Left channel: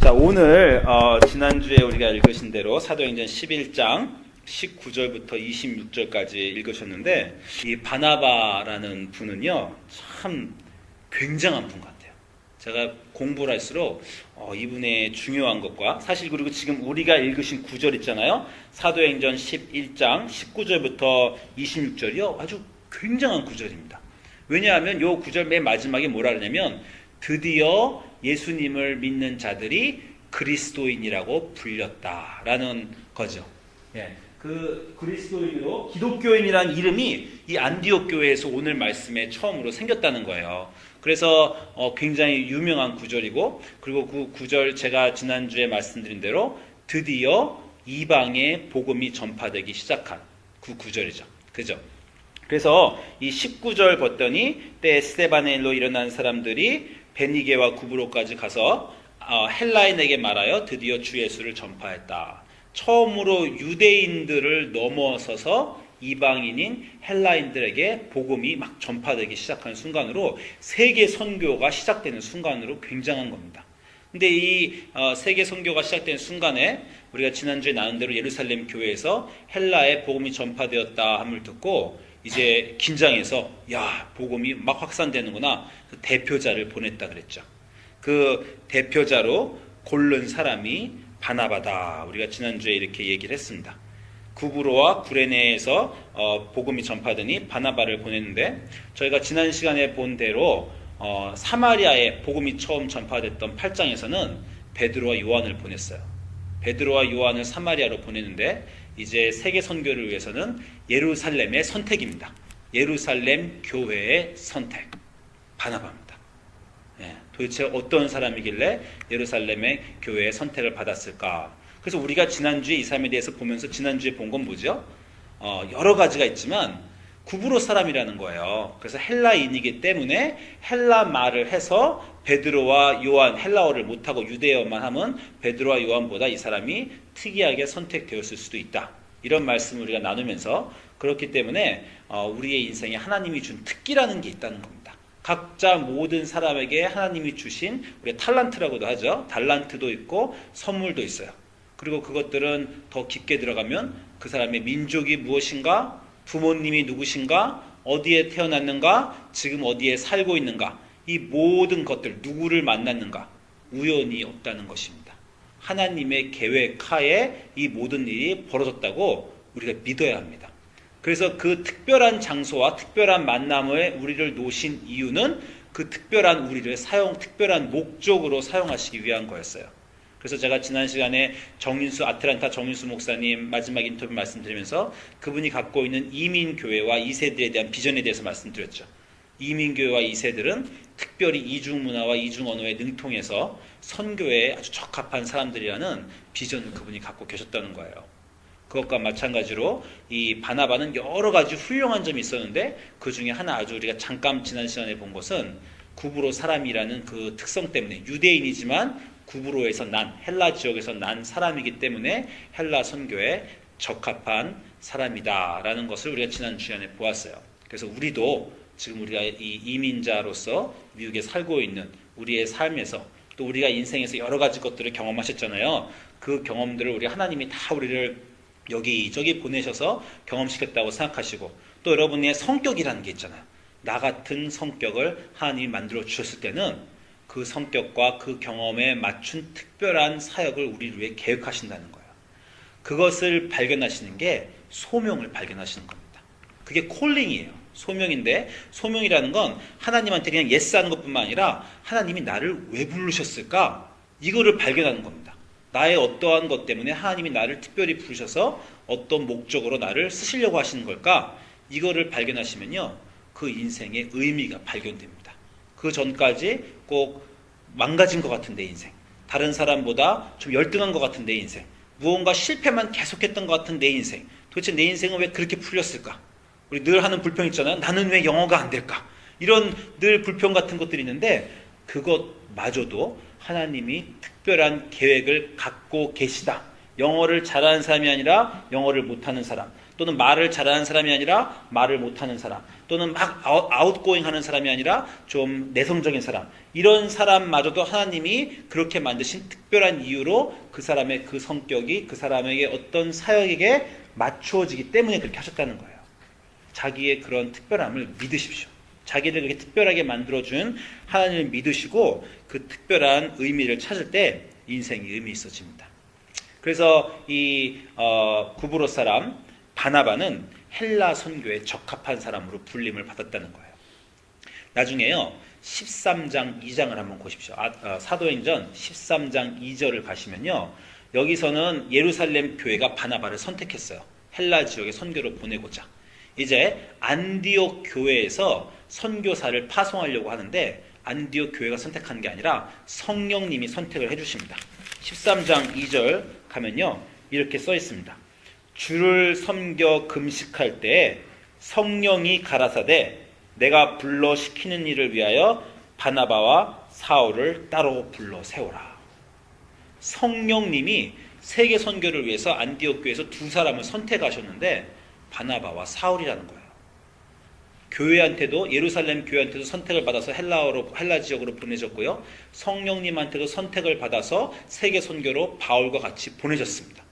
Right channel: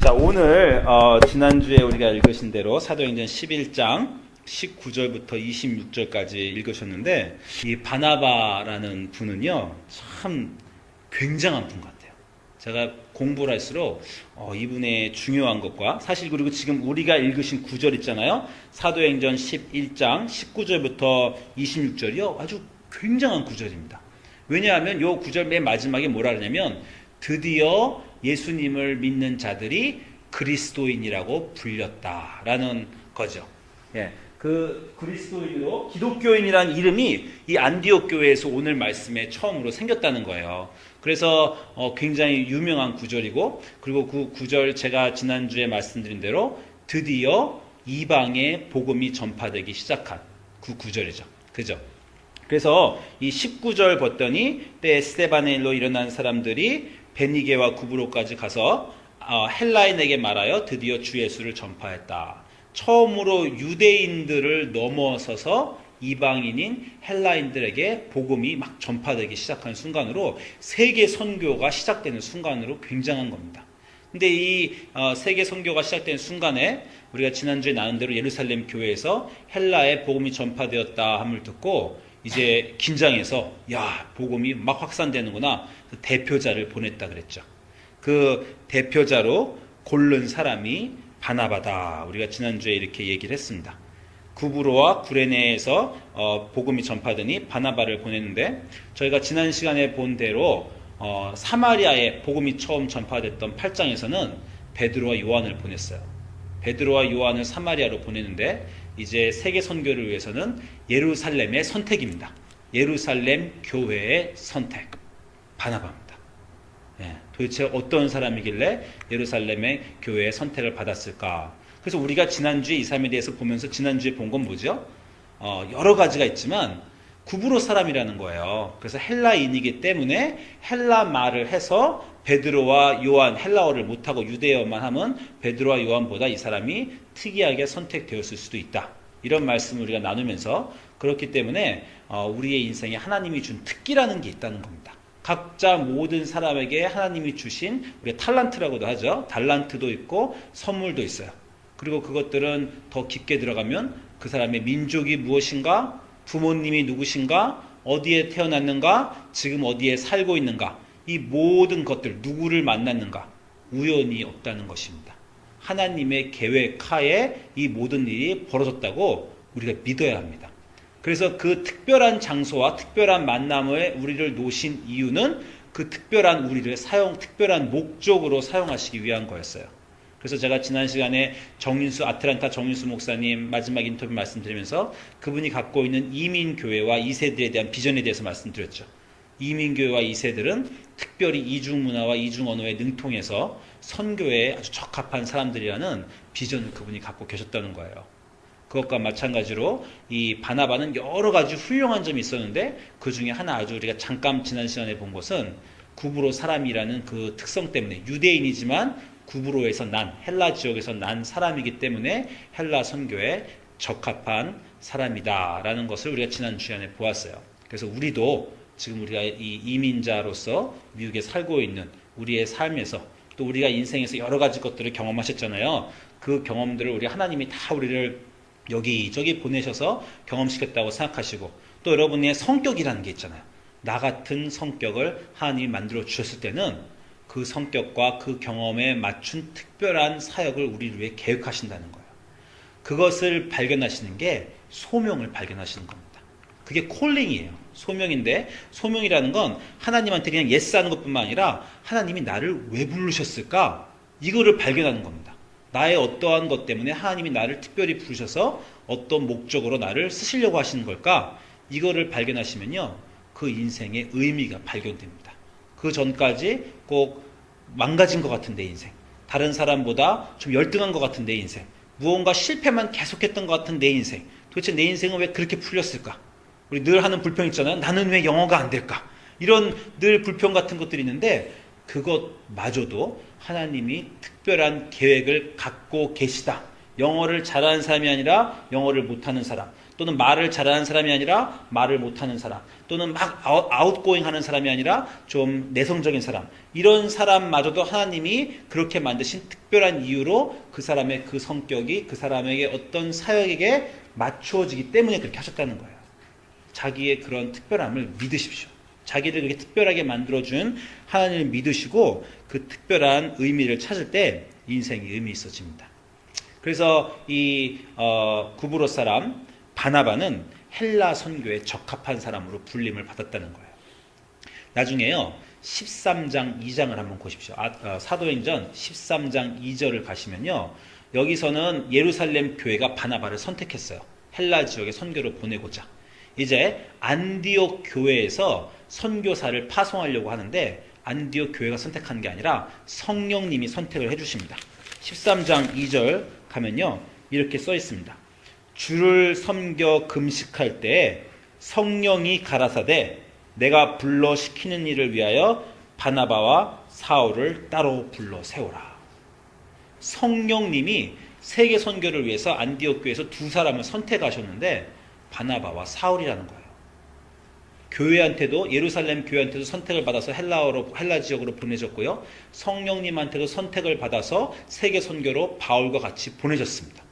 자, 오늘 지난주에 우리가 읽으신 대로 사도행전 11장 19절부터 26절까지 읽으셨는데, 이 바나바라는 분은요 참 굉장한 분 같아요. 제가 공부를 할수록 이분의 중요한 것과, 사실 그리고 지금 우리가 읽으신 구절 있잖아요, 사도행전 11장 19절부터 26절이요 아주 굉장한 구절입니다. 왜냐하면 이 구절 맨 마지막에 뭐라 그러냐면, 드디어 예수님을 믿는 자들이 그리스도인이라고 불렸다라는 거죠. 예, 그 그리스도인으로, 기독교인이라는 이름이 이 안디옥 교회에서 오늘 말씀에 처음으로 생겼다는 거예요. 그래서 굉장히 유명한 구절이고, 그리고 그 구절 제가 지난주에 말씀드린 대로 드디어 이방에 복음이 전파되기 시작한 그 구절이죠. 그죠? 그래서 이 19절 봤더니, 때 스데반엘로 일어난 사람들이 베니게와 구브로까지 가서 헬라인에게 말하여 드디어 주 예수를 전파했다. 처음으로 유대인들을 넘어서서 이방인인 헬라인들에게 복음이 막 전파되기 시작한 순간으로, 세계 선교가 시작되는 순간으로 굉장한 겁니다. 근데 이 세계 선교가 시작되는 순간에 우리가 지난주에 나눈 대로 예루살렘 교회에서 헬라에 복음이 전파되었다 함을 듣고 이제 긴장해서, 야, 복음이 막 확산되는구나. 그 대표자를 보냈다 그랬죠. 그 대표자로 고른 사람이 바나바다. 우리가 지난주에 이렇게 얘기를 했습니다. 구브로와 구레네에서 복음이 전파되니 바나바를 보냈는데, 저희가 지난 시간에 본 대로 사마리아에 복음이 처음 전파됐던 8장에서는 베드로와 요한을 보냈어요. 베드로와 요한을 사마리아로 보냈는데, 이제 세계 선교를 위해서는 예루살렘의 선택입니다. 예루살렘 교회의 선택, 바나바입니다. 예, 도대체 어떤 사람이길래 예루살렘의 교회의 선택을 받았을까? 그래서 우리가 지난주에 이 사람에 대해서 보면서 지난주에 본 건 뭐죠? 여러 가지가 있지만 구브로 사람이라는 거예요. 그래서 헬라인이기 때문에 헬라 말을 해서 베드로와 요한, 헬라어를 못하고 유대어만 하면 베드로와 요한보다 이 사람이 특이하게 선택되었을 수도 있다. 이런 말씀을 우리가 나누면서, 그렇기 때문에 우리의 인생에 하나님이 준 특기라는 게 있다는 겁니다. 각자 모든 사람에게 하나님이 주신, 우리가 탈란트라고도 하죠. 달란트도 있고 선물도 있어요. 그리고 그것들은 더 깊게 들어가면 그 사람의 민족이 무엇인가, 부모님이 누구신가, 어디에 태어났는가, 지금 어디에 살고 있는가, 이 모든 것들, 누구를 만났는가, 우연이 없다는 것입니다. 하나님의 계획하에 이 모든 일이 벌어졌다고 우리가 믿어야 합니다. 그래서 그 특별한 장소와 특별한 만남에 우리를 놓으신 이유는 그 특별한 우리를 특별한 목적으로 사용하시기 위한 거였어요. 그래서 제가 지난 시간에 아틀란타 정인수 목사님 마지막 인터뷰 말씀드리면서 그분이 갖고 있는 이민교회와 2세들에 대한 비전에 대해서 말씀드렸죠. 이민교회와 2세들은 특별히 이중문화와 이중언어에 능통해서 선교에 아주 적합한 사람들이라는 비전을 그분이 갖고 계셨다는 거예요. 그것과 마찬가지로 이 바나바는 여러 가지 훌륭한 점이 있었는데, 그 중에 하나, 아주 우리가 잠깐 지난 시간에 본 것은 구브로 사람이라는 그 특성 때문에, 유대인이지만 구브로에서 헬라 지역에서 난 사람이기 때문에 헬라 선교에 적합한 사람이다라는 것을 우리가 지난 시간에 보았어요. 그래서 우리도 지금 우리가 이 이민자로서 미국에 살고 있는 우리의 삶에서, 또 우리가 인생에서 여러 가지 것들을 경험하셨잖아요. 그 경험들을 하나님이 다 우리를 여기저기 보내셔서 경험시켰다고 생각하시고, 또 여러분의 성격이라는 게 있잖아요. 나 같은 성격을 하나님이 만들어 주셨을 때는 그 성격과 그 경험에 맞춘 특별한 사역을 우리를 위해 계획하신다는 거예요. 그것을 발견하시는 게 소명을 발견하시는 겁니다. 그게 콜링이에요. 소명인데, 소명이라는 건 하나님한테 그냥 예스하는 것뿐만 아니라 하나님이 나를 왜 부르셨을까? 이거를 발견하는 겁니다. 나의 어떠한 것 때문에 하나님이 나를 특별히 부르셔서 어떤 목적으로 나를 쓰시려고 하시는 걸까? 이거를 발견하시면요, 그 인생의 의미가 발견됩니다. 그 전까지 꼭 망가진 것 같은 내 인생, 다른 사람보다 좀 열등한 것 같은 내 인생, 무언가 실패만 계속했던 것 같은 내 인생, 도대체 내 인생은 왜 그렇게 풀렸을까? 우리 늘 하는 불평 있잖아요. 나는 왜 영어가 안 될까? 이런 늘 불평 같은 것들이 있는데, 그것마저도 하나님이 특별한 계획을 갖고 계시다. 영어를 잘하는 사람이 아니라 영어를 못하는 사람, 또는 말을 잘하는 사람이 아니라 말을 못하는 사람, 또는 막 아웃고잉 하는 사람이 아니라 좀 내성적인 사람, 이런 사람마저도 하나님이 그렇게 만드신 특별한 이유로 그 사람의 그 성격이 그 사람에게 어떤 사역에게 맞추어지기 때문에 그렇게 하셨다는 거예요. 자기의 그런 특별함을 믿으십시오. 자기를 그렇게 특별하게 만들어준 하나님을 믿으시고 그 특별한 의미를 찾을 때 인생이 의미 있어집니다. 그래서 이 구브로 사람 바나바는 헬라 선교에 적합한 사람으로 불림을 받았다는 거예요. 나중에요 13장 2장을 한번 보십시오. 사도행전 13장 2절을 가시면요, 여기서는 예루살렘 교회가 바나바를 선택했어요. 헬라 지역에 선교를 보내고자. 이제 안디옥 교회에서 선교사를 파송하려고 하는데 안디옥 교회가 선택한 게 아니라 성령님이 선택을 해주십니다. 13장 2절 가면요 이렇게 써 있습니다. 주를 섬겨 금식할 때에 성령이 가라사대 내가 불러 시키는 일을 위하여 바나바와 사울을 따로 불러 세우라. 성령님이 세계 선교를 위해서 안디옥 교회에서 두 사람을 선택하셨는데 바나바와 사울이라는 거예요. 교회한테도 예루살렘 교회한테도 선택을 받아서 헬라 지역으로 보내졌고요. 성령님한테도 선택을 받아서 세계 선교로 바울과 같이 보내졌습니다.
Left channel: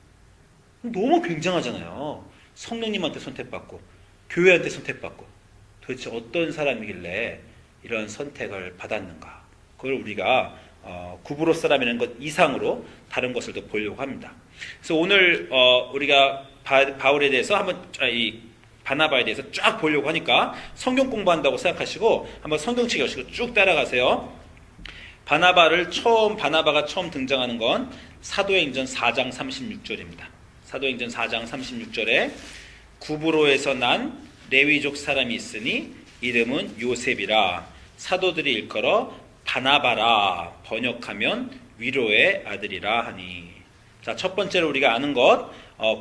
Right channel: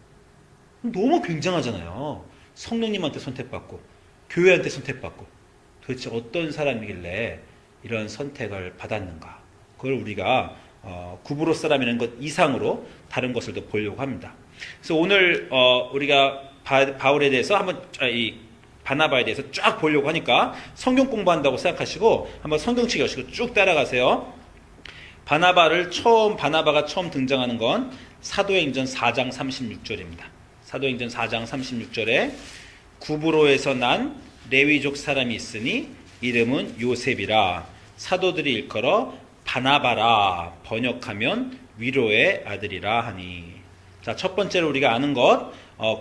너무 굉장하잖아요. 성령님한테 선택받고 교회한테 선택받고 도대체 어떤 사람이길래 이런 선택을 받았는가? 그걸 우리가 구브로 사람이라는 것 이상으로 다른 것을 더 보려고 합니다. 그래서 오늘 우리가 바울에 대해서 한번 이 바나바에 대해서 쫙 보려고 하니까 성경 공부한다고 생각하시고 한번 성경책 여시고 쭉 따라가세요. 바나바가 처음 등장하는 건 사도행전 4장 36절입니다. 사도행전 4장 36절에 구브로에서 난 레위족 사람이 있으니 이름은 요셉이라 사도들이 일컬어 바나바라 번역하면 위로의 아들이라 하니. 자, 첫 번째로 우리가 아는 것,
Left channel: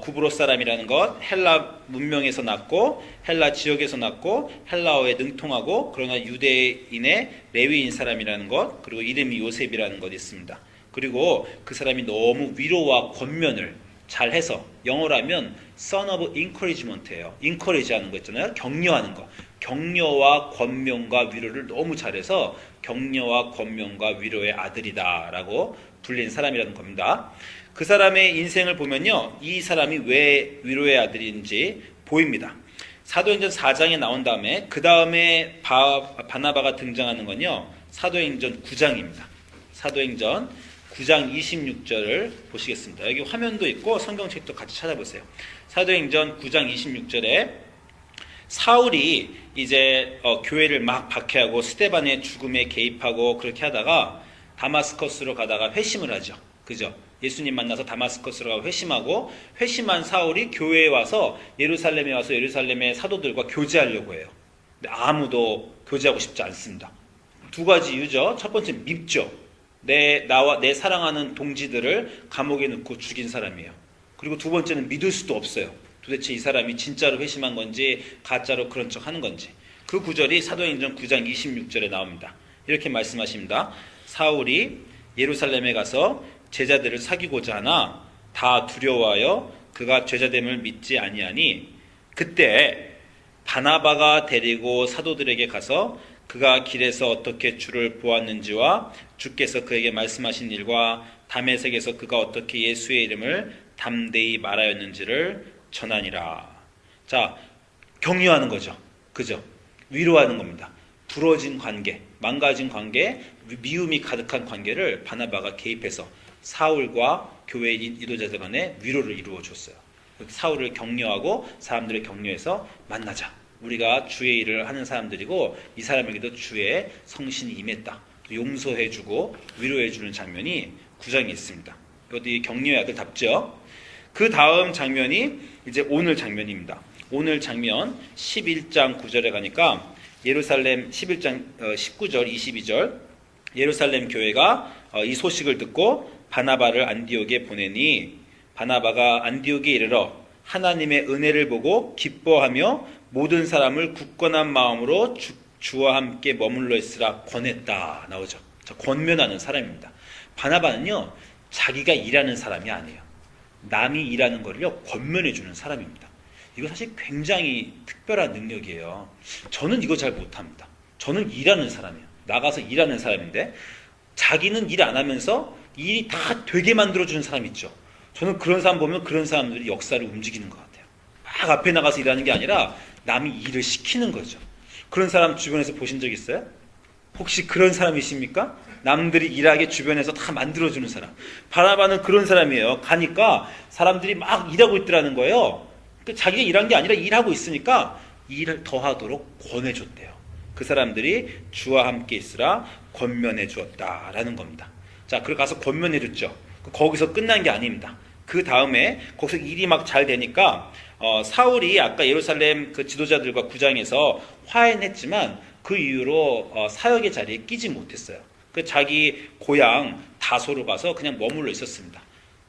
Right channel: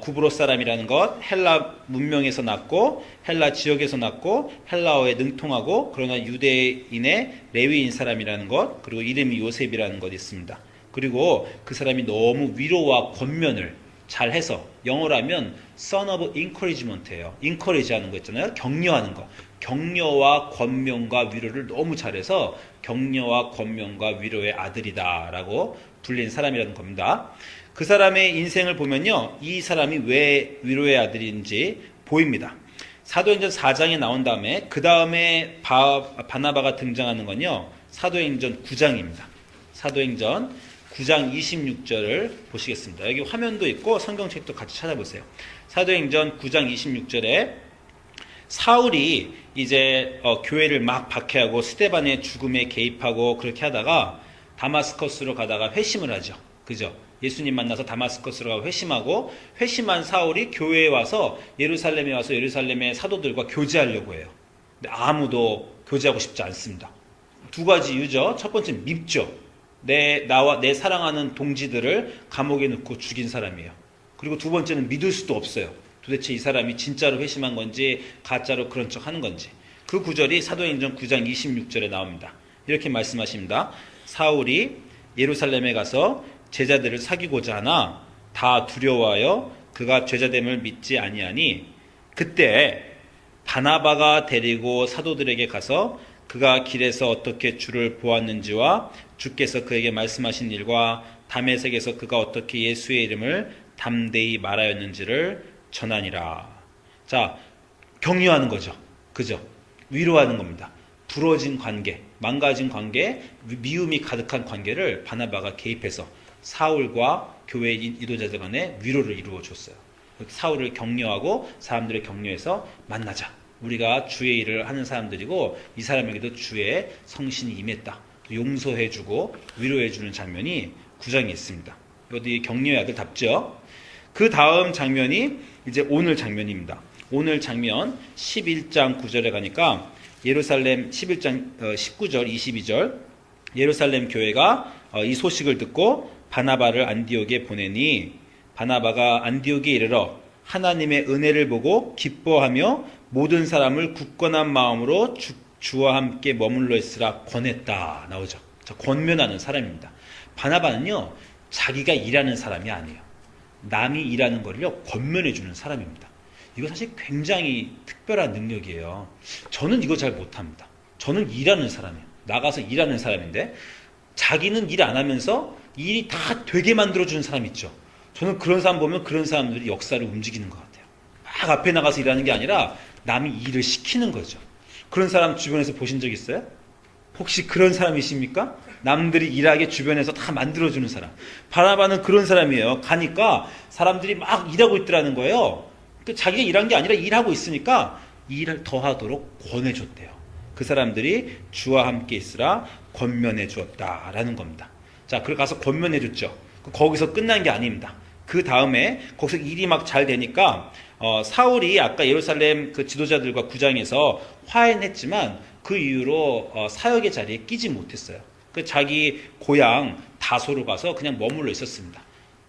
구브로 사람이라는 것, 헬라 문명에서 났고 헬라 지역에서 났고 헬라어에 능통하고 그러나 유대인의 레위인 사람이라는 것, 그리고 이름이 요셉이라는 것이 있습니다. 그리고 그 사람이 너무 위로와 권면을 잘해서, 영어로 하면 son of encouragement예요. encourage 하는 거 있잖아요. 격려하는 거. 격려와 권면과 위로를 너무 잘해서 격려와 권면과 위로의 아들이다라고 불린 사람이라는 겁니다. 그 사람의 인생을 보면요, 이 사람이 왜 위로의 아들인지 보입니다. 사도행전 4장에 나온 다음에 그 다음에 바나바가 등장하는 건요, 사도행전 9장입니다. 사도행전 9장 26절을 보시겠습니다. 여기 화면도 있고 성경책도 같이 찾아보세요. 사도행전 9장 26절에 사울이 이제 교회를 막 박해하고 스데반의 죽음에 개입하고 그렇게 하다가 다마스커스로 가다가 회심을 하죠. 그죠? 예수님 만나서 다마스커스로 가고 회심하고, 회심한 사울이 교회에 와서 예루살렘에 와서 예루살렘의 사도들과 교제하려고 해요. 근데 아무도 교제하고 싶지 않습니다. 두 가지 이유죠. 첫 번째 밉죠. 내 사랑하는 동지들을 감옥에 넣고 죽인 사람이에요. 그리고 두 번째는 믿을 수도 없어요. 도대체 이 사람이 진짜로 회심한 건지 가짜로 그런 척 하는 건지. 그 구절이 사도행전 9장 26절에 나옵니다. 이렇게 말씀하십니다. 사울이 예루살렘에 가서 제자들을 사귀고자 하나 다 두려워하여 그가 죄자됨을 믿지 아니하니 그때 바나바가 데리고 사도들에게 가서 그가 길에서 어떻게 주를 보았는지와 주께서 그에게 말씀하신 일과 다메섹에서 그가 어떻게 예수의 이름을 담대히 말하였는지를 전하니라. 자, 격려하는 거죠. 그죠? 위로하는 겁니다. 부러진 관계, 망가진 관계, 미움이 가득한 관계를 바나바가 개입해서 사울과 교회 이도자들 간에 위로를 이루어 줬어요. 사울을 격려하고 사람들을 격려해서 만나자. 우리가 주의 일을 하는 사람들이고 이 사람에게도 주의 성신이 임했다. 용서해주고 위로해주는 장면이 9장에 있습니다. 어디 격려의 아들답죠? 그 다음 장면이 이제 오늘 장면입니다. 오늘 장면 11장 9절에 가니까 예루살렘 11장 19절 22절 예루살렘 교회가 이 소식을 듣고 바나바를 안디옥에 보내니 바나바가 안디옥에 이르러 하나님의 은혜를 보고 기뻐하며 모든 사람을 굳건한 마음으로 주와 함께 머물러 있으라 권했다 나오죠. 자, 권면하는 사람입니다. 바나바는요 자기가 일하는 사람이 아니에요. 남이 일하는 걸요 권면해 주는 사람입니다. 이거 사실 굉장히 특별한 능력이에요. 저는 이거 잘 못합니다. 저는 일하는 사람이에요. 나가서 일하는 사람인데 자기는 일 안 하면서 일이 다 되게 만들어주는 사람 있죠. 저는 그런 사람 보면 그런 사람들이 역사를 움직이는 것 같아요. 막 앞에 나가서 일하는 게 아니라 남이 일을 시키는 거죠. 그런 사람 주변에서 보신 적 있어요? 혹시 그런 사람이십니까? 남들이 일하게 주변에서 다 만들어주는 사람. 바나바는 그런 사람이에요. 가니까 사람들이 막 일하고 있더라는 거예요. 자기가 일한 게 아니라 일하고 있으니까 일을 더 하도록 권해줬대요. 그 사람들이 주와 함께 있으라 권면해 주었다라는 겁니다. 자, 그래 가서 권면해 줬죠. 거기서 끝난 게 아닙니다. 그 다음에 거기서 일이 막 잘 되니까 사울이 아까 예루살렘 그 지도자들과 구장에서 화해했지만 그 이후로 사역의 자리에 끼지 못했어요. 그 자기 고향 다소로 가서 그냥 머물러 있었습니다.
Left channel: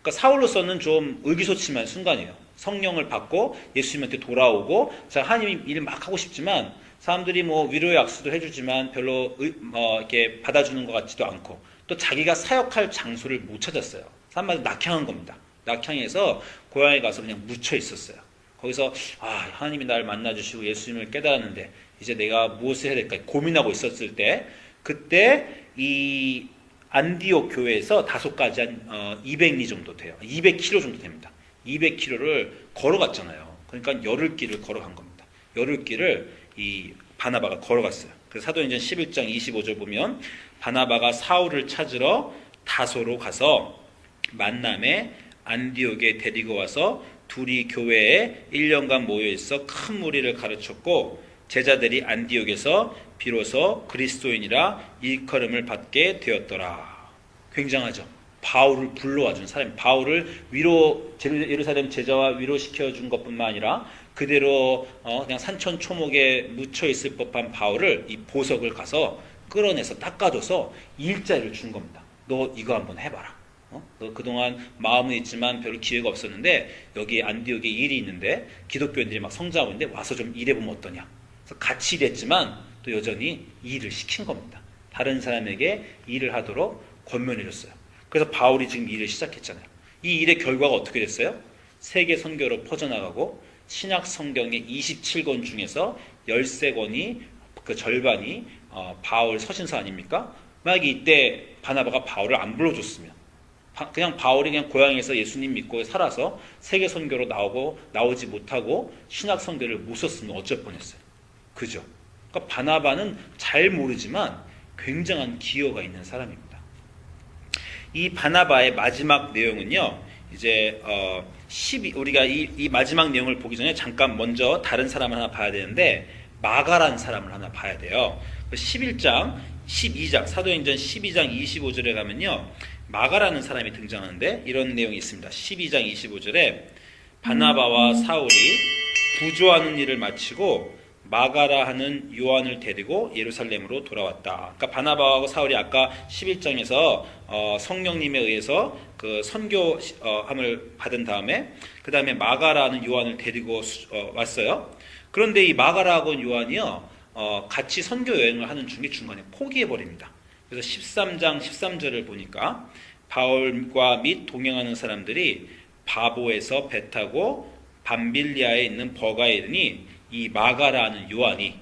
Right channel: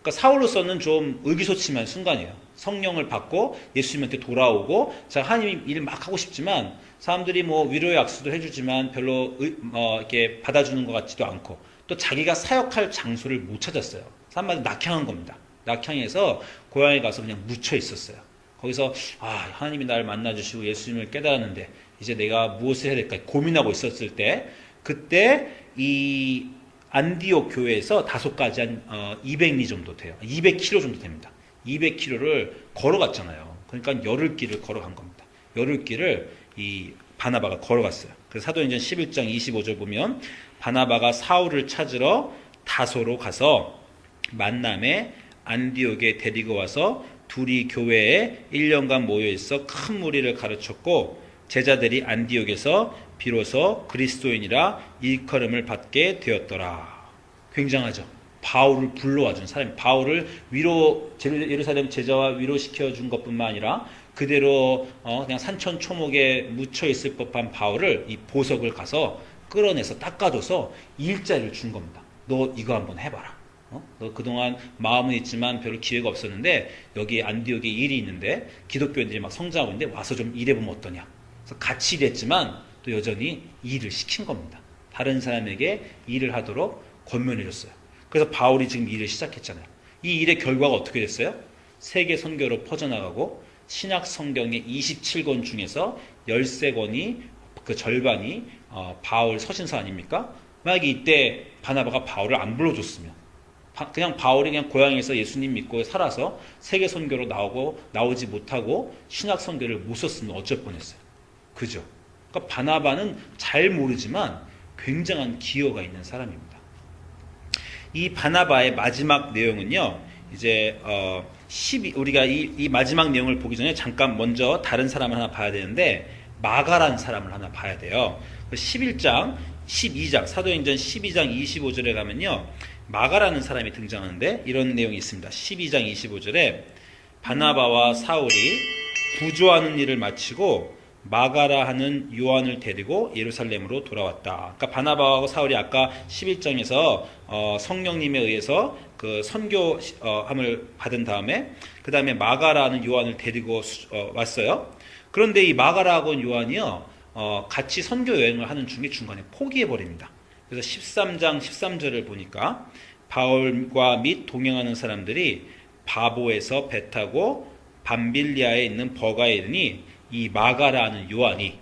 그러니까 사울로서는 좀 의기소침한 순간이에요. 성령을 받고 예수님한테 돌아오고 자 하나님 일 막 하고 싶지만 사람들이 뭐 위로의 악수도 해주지만 별로 이렇게 받아주는 것 같지도 않고 또 자기가 사역할 장소를 못 찾았어요. 사람마다 낙향한 겁니다. 낙향해서 고향에 가서 그냥 묻혀 있었어요. 거기서 하나님이 나를 만나주시고 예수님을 깨달았는데 이제 내가 무엇을 해야 될까 고민하고 있었을 때 그때 이 안디옥 교회에서 다소까지 한 200리 정도 돼요. 200km 정도 됩니다. 200km를 걸어갔잖아요. 그러니까 열흘길을 걸어간 겁니다. 열흘길을 이 바나바가 걸어갔어요. 그래서 사도행전 11장 25절 보면 바나바가 사울을 찾으러 다소로 가서 만남에 안디옥에 데리고 와서 둘이 교회에 1년간 모여있어 큰 무리를 가르쳤고 제자들이 안디옥에서 비로소 그리스도인이라 일컬음을 받게 되었더라. 굉장하죠. 바울을 불러와준 사람이 바울을 예루살렘 제자와 위로시켜준 것뿐만 아니라 그대로 그냥 산천 초목에 묻혀있을 법한 바울을 이 보석을 가서 끌어내서 닦아줘서 일자리를 준 겁니다. 너 이거 한번 해봐라. 너 그동안 마음은 있지만 별로 기회가 없었는데 여기 안디옥에 일이 있는데 기독교인들이 막 성장하고 있는데 와서 좀 일해보면 어떠냐. 그래서 같이 일했지만 또 여전히 일을 시킨 겁니다. 다른 사람에게 일을 하도록 권면해줬어요. 그래서 바울이 지금 일을 시작했잖아요. 이 일의 결과가 어떻게 됐어요? 세계 선교로 퍼져나가고 신약 성경의 27권 중에서 13권이 그 절반이 바울 서신서 아닙니까? 만약에 이때 바나바가 바울을 안 불러줬으면 그냥 바울이 그냥 고향에서 예수님 믿고 살아서 세계 선교로 나오지 못하고 신약 선교를 못 썼으면 어쩔 뻔했어요. 그죠? 그러니까 바나바는 잘 모르지만 굉장한 기여가 있는 사람입니다. 이 바나바의 마지막 내용은요. 이제 우리가 이 마지막 내용을 보기 전에 잠깐 먼저 다른 사람을 하나 봐야 되는데 마가라는 사람을 하나 봐야 돼요. 11장, 12장, 사도행전 12장 25절에 가면요. 마가라는 사람이 등장하는데 이런 내용이 있습니다. 12장 25절에 바나바와 사울이 부조하는 일을 마치고 마가라 하는 요한을 데리고 예루살렘으로 돌아왔다. 그러니까 바나바와 사울이 아까 11장에서 성령님에 의해서 그 선교함을 받은 다음에 그 다음에 마가라는 요한을 데리고 왔어요. 그런데 이 마가라하고 요한이요 같이 선교 여행을 하는 중간에 포기해 버립니다. 그래서 13장 13절을 보니까 바울과 및 동행하는 사람들이 바보에서 배 타고 밤빌리아에 있는 버가에 이르니 이 마가라는 요한이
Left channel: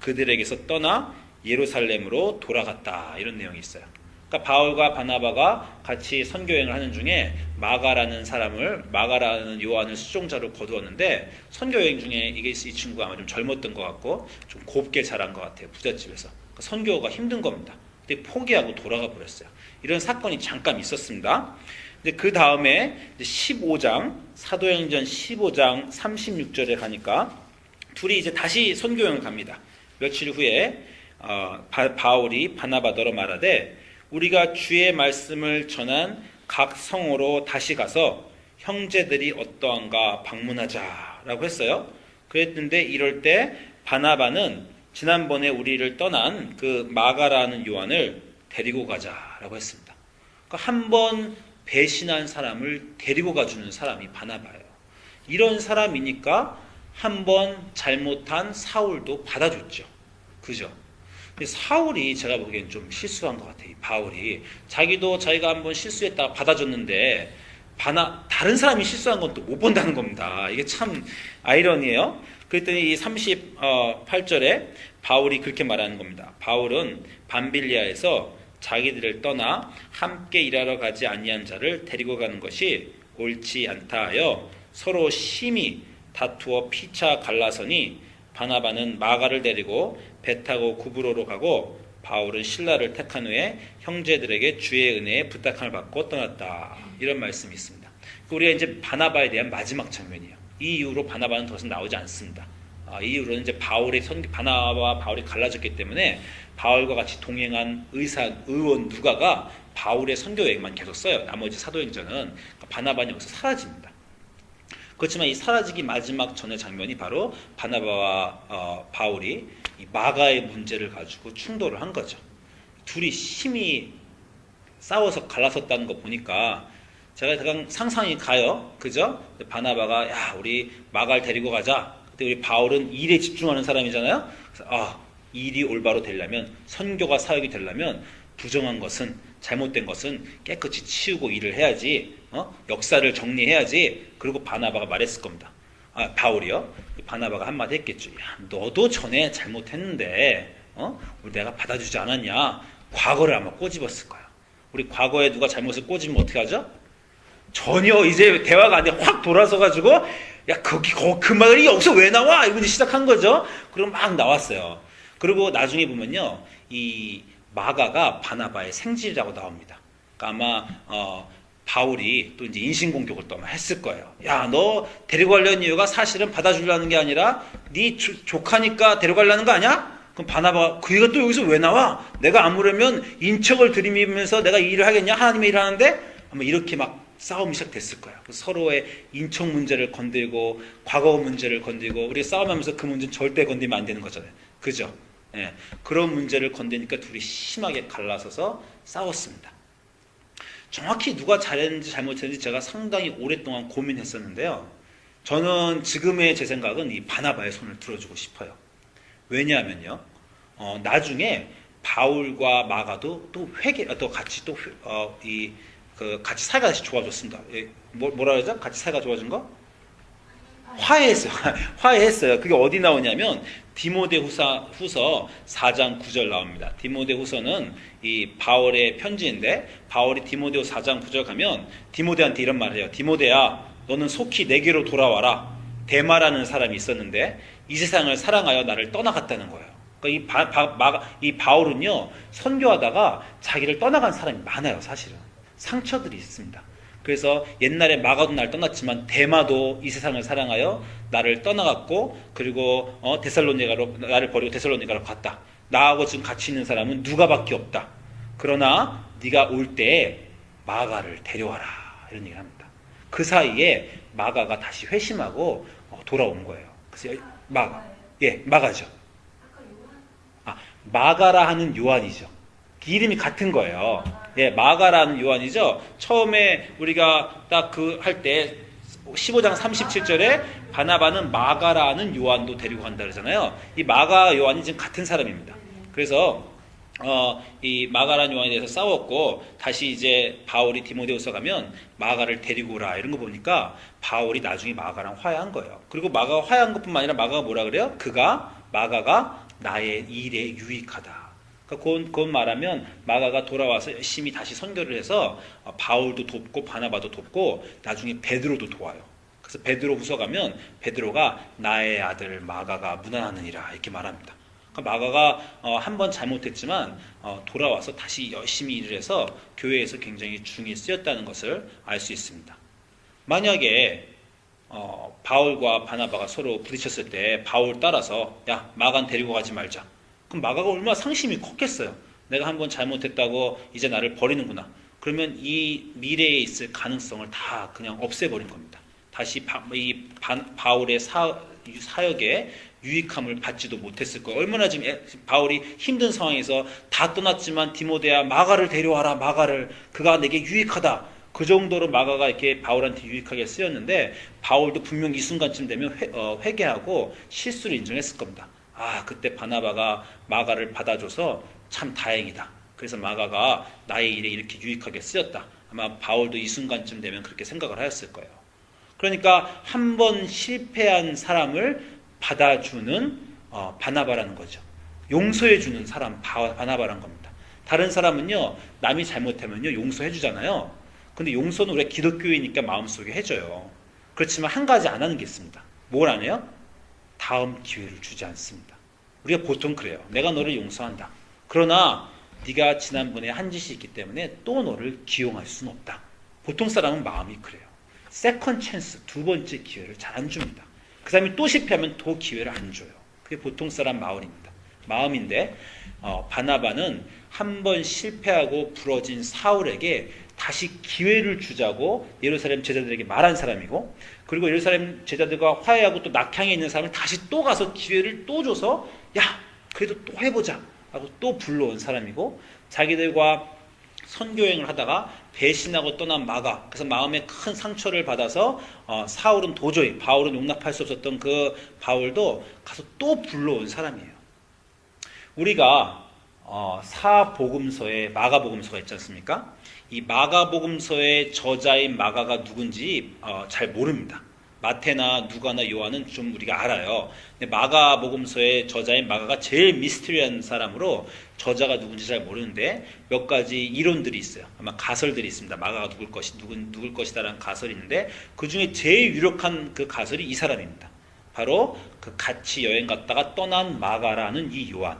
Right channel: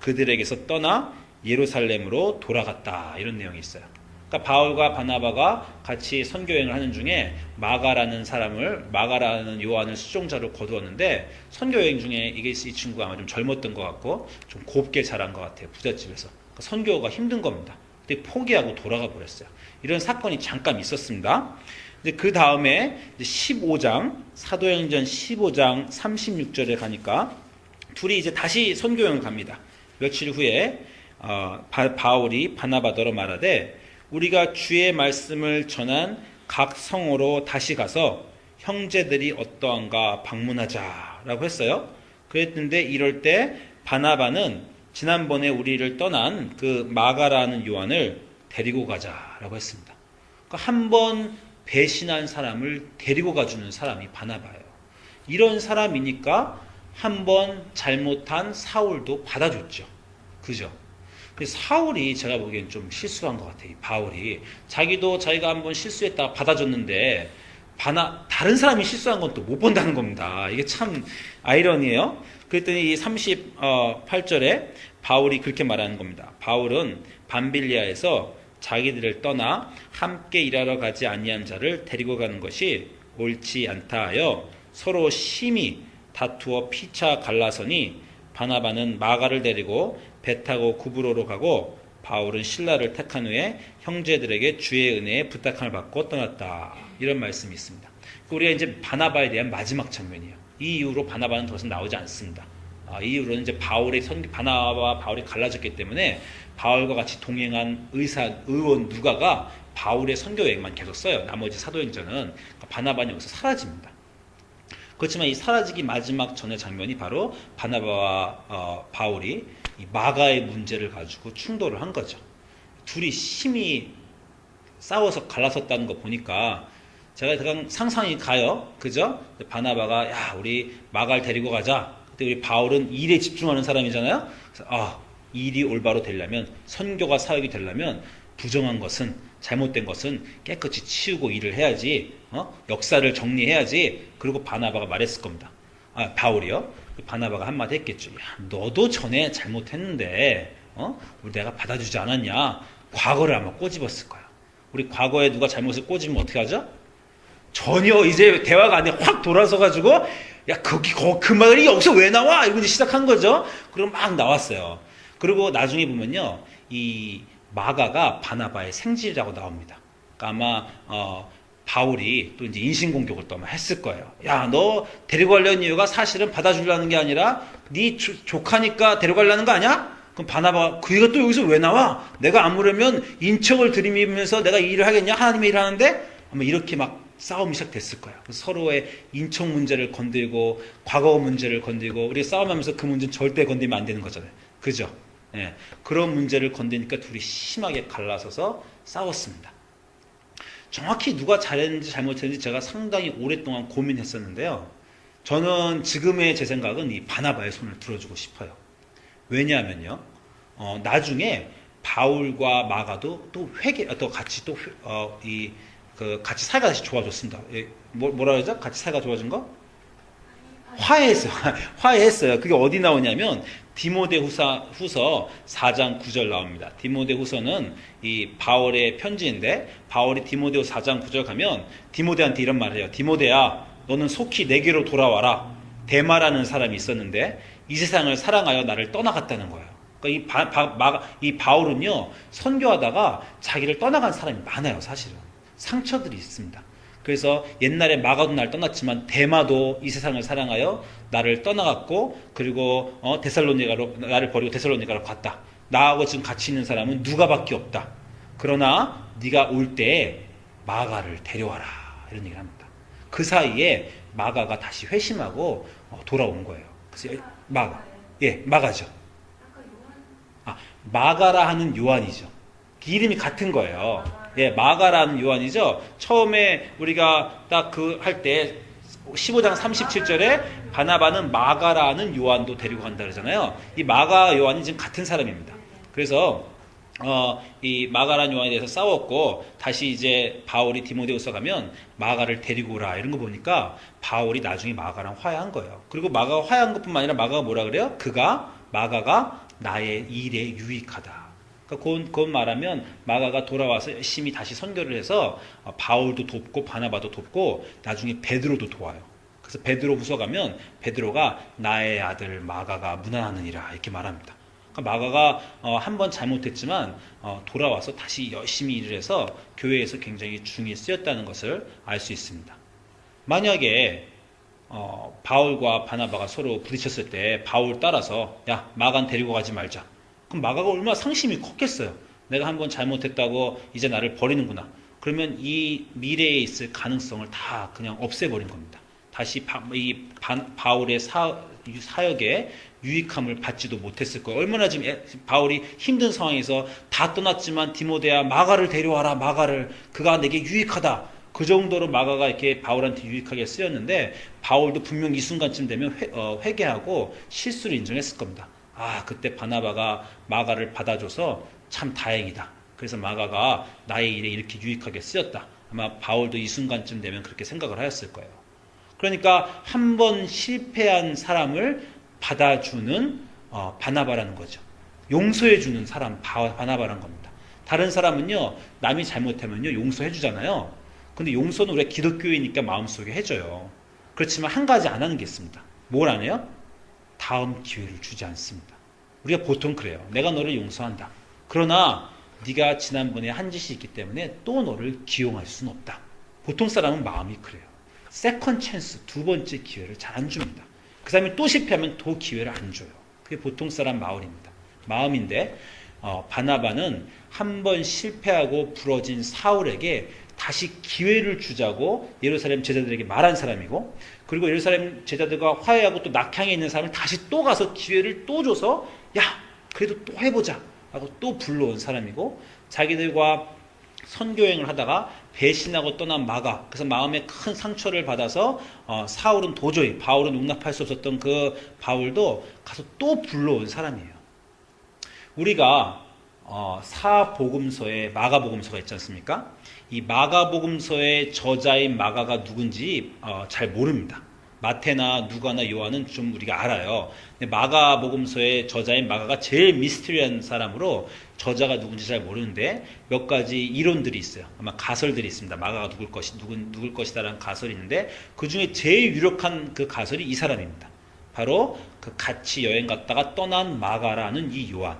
그들에게서 떠나 예루살렘으로 돌아갔다. 이런 내용이 있어요. 그러니까 바울과 바나바가 같이 선교여행을 하는 중에 마가라는 요한을 수종자로 거두었는데 선교여행 중에 이 친구가 아마 좀 젊었던 것 같고 좀 곱게 자란 것 같아요. 부잣집에서. 그러니까 선교가 힘든 겁니다. 근데 포기하고 돌아가 버렸어요. 이런 사건이 잠깐 있었습니다. 그 다음에 15장 사도행전 15장 36절에 가니까 둘이 이제 다시 선교여행을 갑니다. 며칠 후에 바울이 바나바더러 말하되 우리가 주의 말씀을 전한 각 성으로 다시 가서 형제들이 어떠한가 방문하자라고 했어요. 그랬는데 이럴 때 바나바는 지난번에 우리를 떠난 그 마가라는 요한을 데리고 가자라고 했습니다. 그러니까 한 번 배신한 사람을 데리고 가주는 사람이 바나바예요. 이런 사람이니까 한 번 잘못한 사울도 받아줬죠. 그죠? 사울이 제가 보기엔 좀 실수한 것 같아요. 바울이 자기가 한 번 실수했다가 받아줬는데 다른 사람이 실수한 건 또 못 본다는 겁니다. 이게 참 아이러니예요. 그랬더니 이 38절에 바울이 그렇게 말하는 겁니다. 바울은 밤빌리아에서 자기들을 떠나 함께 일하러 가지 아니한 자를 데리고 가는 것이 옳지 않다 하여 서로 심히 다투어 피차 갈라서니 바나바는 마가를 데리고 배 타고 구브로로 가고 바울은 실라를 택한 후에 형제들에게 주의 은혜에 부탁함을 받고 떠났다. 이런 말씀이 있습니다. 우리가 이제 바나바에 대한 마지막 장면이에요. 이 이후로 바나바는 더 이상 나오지 않습니다. 이 이후로는 이제 바나바와 바울이 갈라졌기 때문에 바울과 같이 동행한 의원 누가가 바울의 선교 여행만 계속 써요. 나머지 사도행전은 바나바는 여기서 사라집니다. 그렇지만 이 사라지기 마지막 전의 장면이 바로 바나바와 바울이 이 마가의 문제를 가지고 충돌을 한 거죠. 둘이 심히 싸워서 갈라섰다는 거 보니까 제가 그냥 상상이 가요. 그죠? 바나바가 야 우리 마가를 데리고 가자. 그때 우리 바울은 일에 집중하는 사람이잖아요. 그래서 일이 올바로 되려면 선교가 사역이 되려면 부정한 것은 잘못된 것은 깨끗이 치우고 일을 해야지. 역사를 정리해야지. 그리고 바나바가 말했을 겁니다. 바울이요. 바나바가 한마디 했겠죠. 야, 너도 전에 잘못했는데 우리 내가 받아주지 않았냐. 과거를 아마 꼬집었을 거야. 우리 과거에 누가 잘못을 꼬집으면 어떻게 하죠? 전혀 이제 대화가 아니라 확 돌아서 가지고 야 그 말이 여기서 왜 나와? 이러고 시작한 거죠. 그럼 막 나왔어요. 그리고 나중에 보면요. 이 마가가 바나바의 생지라고 나옵니다. 그러니까 아마 바울이 또 이제 인신공격을 또 아마 했을 거예요. 야, 너 데려가려는 이유가 사실은 받아주려는 게 아니라 네 조카니까 데려가려는 거 아니야? 그럼 바나바가 그가 또 여기서 왜 나와? 내가 아무려면 인척을 들이밀면서 내가 이 일을 하겠냐? 하나님의 일을 하는데 아마 이렇게 막 싸움이 시작됐을 거예요. 서로의 인척 문제를 건들고 과거 문제를 건들고 우리가 싸움하면서 그 문제는 절대 건들면 안 되는 거잖아요. 그죠? 예, 그런 문제를 건드니까 둘이 심하게 갈라서서 싸웠습니다. 정확히 누가 잘했는지 잘못했는지 제가 상당히 오랫동안 고민했었는데요. 저는 지금의 제 생각은 이 바나바의 손을 들어주고 싶어요. 왜냐하면요, 나중에 바울과 마가도 또 같이 같이 사이가 다시 좋아졌습니다. 뭐라 그러죠? 같이 사이가 좋아진 거? 화해했어요. 화해했어요. 그게 어디 나오냐면 디모데후서 4장 9절 나옵니다. 디모데후서는 이 바울의 편지인데 바울이 디모데후 4장 9절 가면 디모데한테 이런 말을 해요. 디모데야, 너는 속히 내게로 돌아와라. 데마라는 사람이 있었는데 이 세상을 사랑하여 나를 떠나갔다는 거예요. 그러니까 이 바울은요 선교하다가 자기를 떠나간 사람이 많아요. 사실은 상처들이 있습니다. 그래서 옛날에 마가도 날 떠났지만 데마도 이 세상을 사랑하여 나를 떠나갔고 그리고 나를 버리고 데살로니가로 갔다. 나하고 지금 같이 있는 사람은 누가밖에 없다. 그러나 네가 올 때 마가를 데려와라. 이런 얘기를 합니다. 그 사이에 마가가 다시 회심하고 돌아온 거예요. 그래서 마가죠. 마가라 하는 요한이죠. 이름이 같은 거예요. 마가라는 요한이죠. 처음에 우리가 딱 할 때 15장 37절에 바나바는 마가라는 요한도 데리고 간다 그러잖아요. 이 마가 요한이 지금 같은 사람입니다. 그래서 이 마가라는 요한에 대해서 싸웠고 다시 이제 바울이 디모데후서 가면 마가를 데리고 오라 이런 거 보니까 바울이 나중에 마가랑 화해한 거예요. 그리고 마가가 화해한 것뿐만 아니라 마가가 뭐라 그래요? 마가가 나의 일에 유익하다. 그건 말하면 마가가 돌아와서 열심히 다시 선교를 해서 바울도 돕고 바나바도 돕고 나중에 베드로도 도와요. 그래서 베드로후서 가면 베드로가 나의 아들 마가가 무난하느니라 이렇게 말합니다. 그러니까 마가가 한 번 잘못했지만 돌아와서 다시 열심히 일을 해서 교회에서 굉장히 중히 쓰였다는 것을 알 수 있습니다. 만약에 바울과 바나바가 서로 부딪혔을 때 바울 따라서 야 마가는 데리고 가지 말자. 그럼 마가가 얼마나 상심이 컸겠어요. 내가 한번 잘못했다고 이제 나를 버리는구나. 그러면 이 미래에 있을 가능성을 다 그냥 없애버린 겁니다. 다시 바울의 사역에 유익함을 받지도 못했을 거예요. 얼마나 지금 바울이 힘든 상황에서 다 떠났지만 디모데야 마가를 데려와라. 마가를 그가 내게 유익하다. 그 정도로 마가가 이렇게 바울한테 유익하게 쓰였는데 바울도 분명 이 순간쯤 되면 회개하고 실수를 인정했을 겁니다. 그때 바나바가 마가를 받아줘서 참 다행이다. 그래서 마가가 나의 일에 이렇게 유익하게 쓰였다. 아마 바울도 이 순간쯤 되면 그렇게 생각을 하였을 거예요. 그러니까 한 번 실패한 사람을 받아주는 바나바라는 거죠. 용서해주는 사람 바나바라는 겁니다. 다른 사람은요, 남이 잘못하면요 용서해주잖아요. 근데 용서는 우리가 기독교이니까 마음속에 해줘요. 그렇지만 한 가지 안 하는 게 있습니다. 뭘 안 해요? 다음 기회를 주지 않습니다. 우리가 보통 그래요. 내가 너를 용서한다. 그러나 네가 지난번에 한 짓이 있기 때문에 또 너를 기용할 수는 없다. 보통 사람은 마음이 그래요. 세컨 찬스, 두 번째 기회를 잘 안 줍니다. 그 사람이 또 실패하면 또 기회를 안 줘요. 그게 보통 사람 마음인데 바나바는 한 번 실패하고 부러진 사울에게 다시 기회를 주자고 예루살렘 제자들에게 말한 사람이고, 그리고 예루살렘 제자들과 화해하고 또 낙향에 있는 사람을 다시 또 가서 기회를 또 줘서 야 그래도 또 해보자 하고 또 불러온 사람이고, 자기들과 선교행을 하다가 배신하고 떠난 마가, 그래서 마음에 큰 상처를 받아서 사울은 도저히 바울은 용납할 수 없었던 그 바울도 가서 또 불러온 사람이에요. 우리가 사복음서에 마가복음서가 있지 않습니까? 이 마가복음서의 저자인 마가가 누군지 잘 모릅니다. 마태나 누가나 요한은 좀 우리가 알아요. 근데 마가복음서의 저자인 마가가 제일 미스터리한 사람으로 저자가 누군지 잘 모르는데 몇 가지 이론들이 있어요. 아마 가설들이 있습니다. 마가가 누굴 것이다라는 가설이 있는데 그 중에 제일 유력한 그 가설이 이 사람입니다. 바로 그 같이 여행 갔다가 떠난 마가라는 이 요한.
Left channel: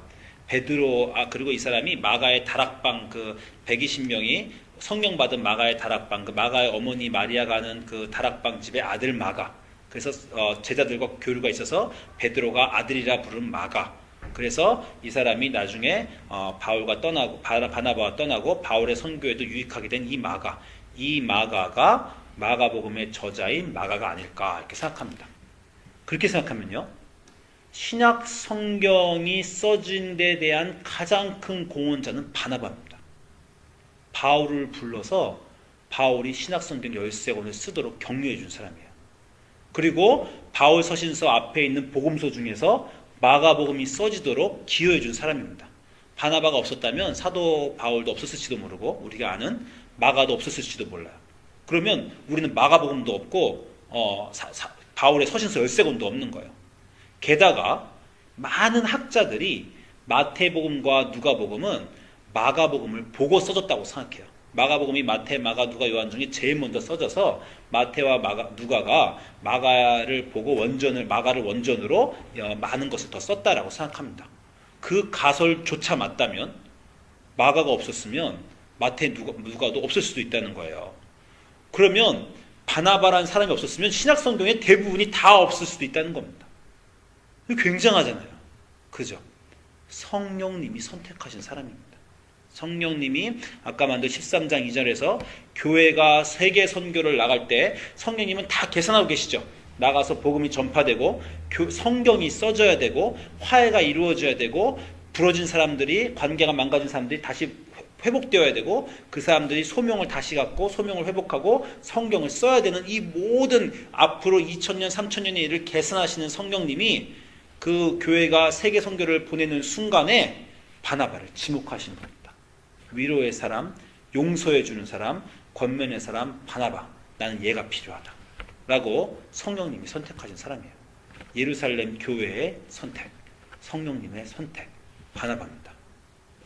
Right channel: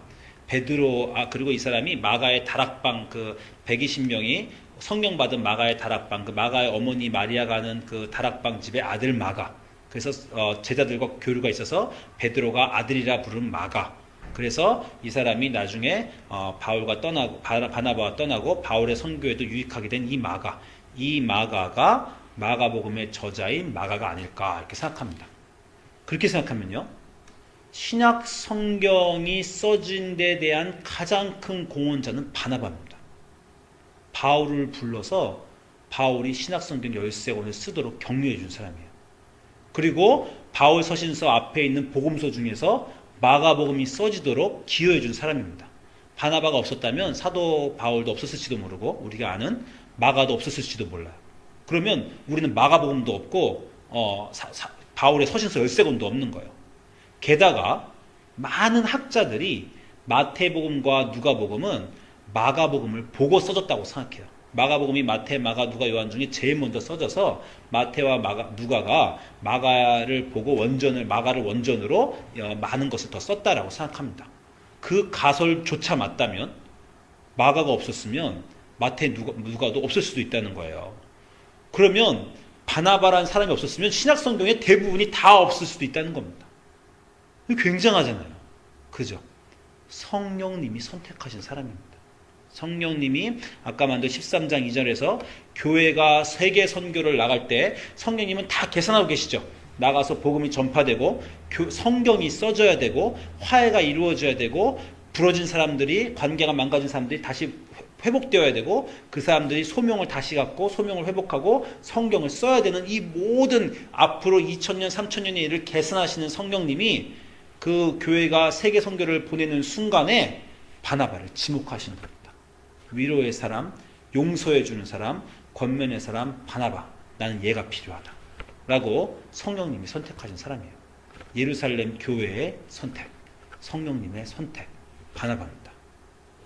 베드로, 그리고 이 사람이 마가의 다락방 그 120명이 성령 받은 마가의 다락방, 그 마가의 어머니 마리아가 하는 그 다락방 집의 아들 마가. 그래서 제자들과 교류가 있어서 베드로가 아들이라 부른 마가. 그래서 이 사람이 나중에 바울과 떠나고 바나바와 떠나고 바울의 선교에도 유익하게 된 이 마가. 이 마가가 마가복음의 저자인 마가가 아닐까 이렇게 생각합니다. 그렇게 생각하면요, 신약 성경이 써진 데 대한 가장 큰 공헌자는 바나바입니다. 바울을 불러서 바울이 신약 성경 13권을 쓰도록 격려해 준 사람이에요. 그리고 바울 서신서 앞에 있는 복음서 중에서 마가복음이 써지도록 기여해 준 사람입니다. 바나바가 없었다면 사도 바울도 없었을지도 모르고 우리가 아는 마가도 없었을지도 몰라요. 그러면 우리는 마가복음도 없고 바울의 서신서 13권도 없는 거예요. 게다가 많은 학자들이 마태복음과 누가복음은 마가복음을 보고 써졌다고 생각해요. 마가복음이 마태, 마가, 누가, 요한 중에 제일 먼저 써져서 마태와 누가가 마가를 보고 마가를 원전으로 많은 것을 더 썼다라고 생각합니다. 그 가설조차 맞다면 마가가 없었으면 마태, 누가도 없을 수도 있다는 거예요. 그러면 바나바라는 사람이 없었으면 신약 성경의 대부분이 다 없을 수도 있다는 겁니다. 굉장하잖아요. 그죠? 성령님이 선택하신 사람입니다. 성령님이 아까 만든 13장 2절에서 교회가 세계 선교를 나갈 때 성령님은 다 계산하고 계시죠. 나가서 복음이 전파되고 성경이 써져야 되고 화해가 이루어져야 되고 부러진 사람들이, 관계가 망가진 사람들이 다시 회복되어야 되고 그 사람들이 소명을 다시 갖고 소명을 회복하고 성경을 써야 되는 이 모든 앞으로 2000년 3000년의 일을 계산하시는 성령님이 그 교회가 세계 선교를 보내는 순간에 바나바를 지목하시는 겁니다. 위로의 사람, 용서해주는 사람, 권면의 사람 바나바. 나는 얘가 필요하다 라고 성령님이 선택하신 사람이에요. 예루살렘 교회의 선택, 성령님의 선택, 바나바입니다.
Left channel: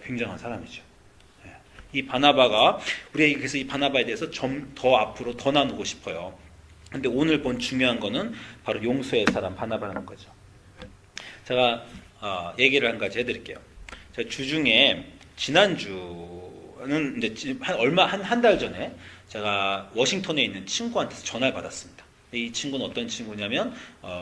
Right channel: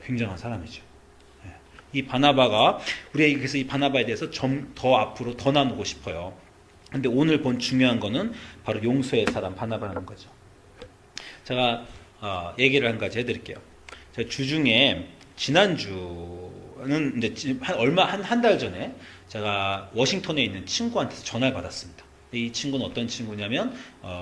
굉장한 사람이죠. 이 바나바가, 우리가 그래서 이 바나바에 대해서 좀 더 앞으로 더 나누고 싶어요. 근데 오늘 본 중요한 거는 바로 용서의 사람 바나바라는 거죠. 제가 얘기를 한 가지 해드릴게요. 제가 주중에 지난주는 이제 한 달 전에 제가 워싱턴에 있는 친구한테서 전화를 받았습니다. 이 친구는 어떤 친구냐면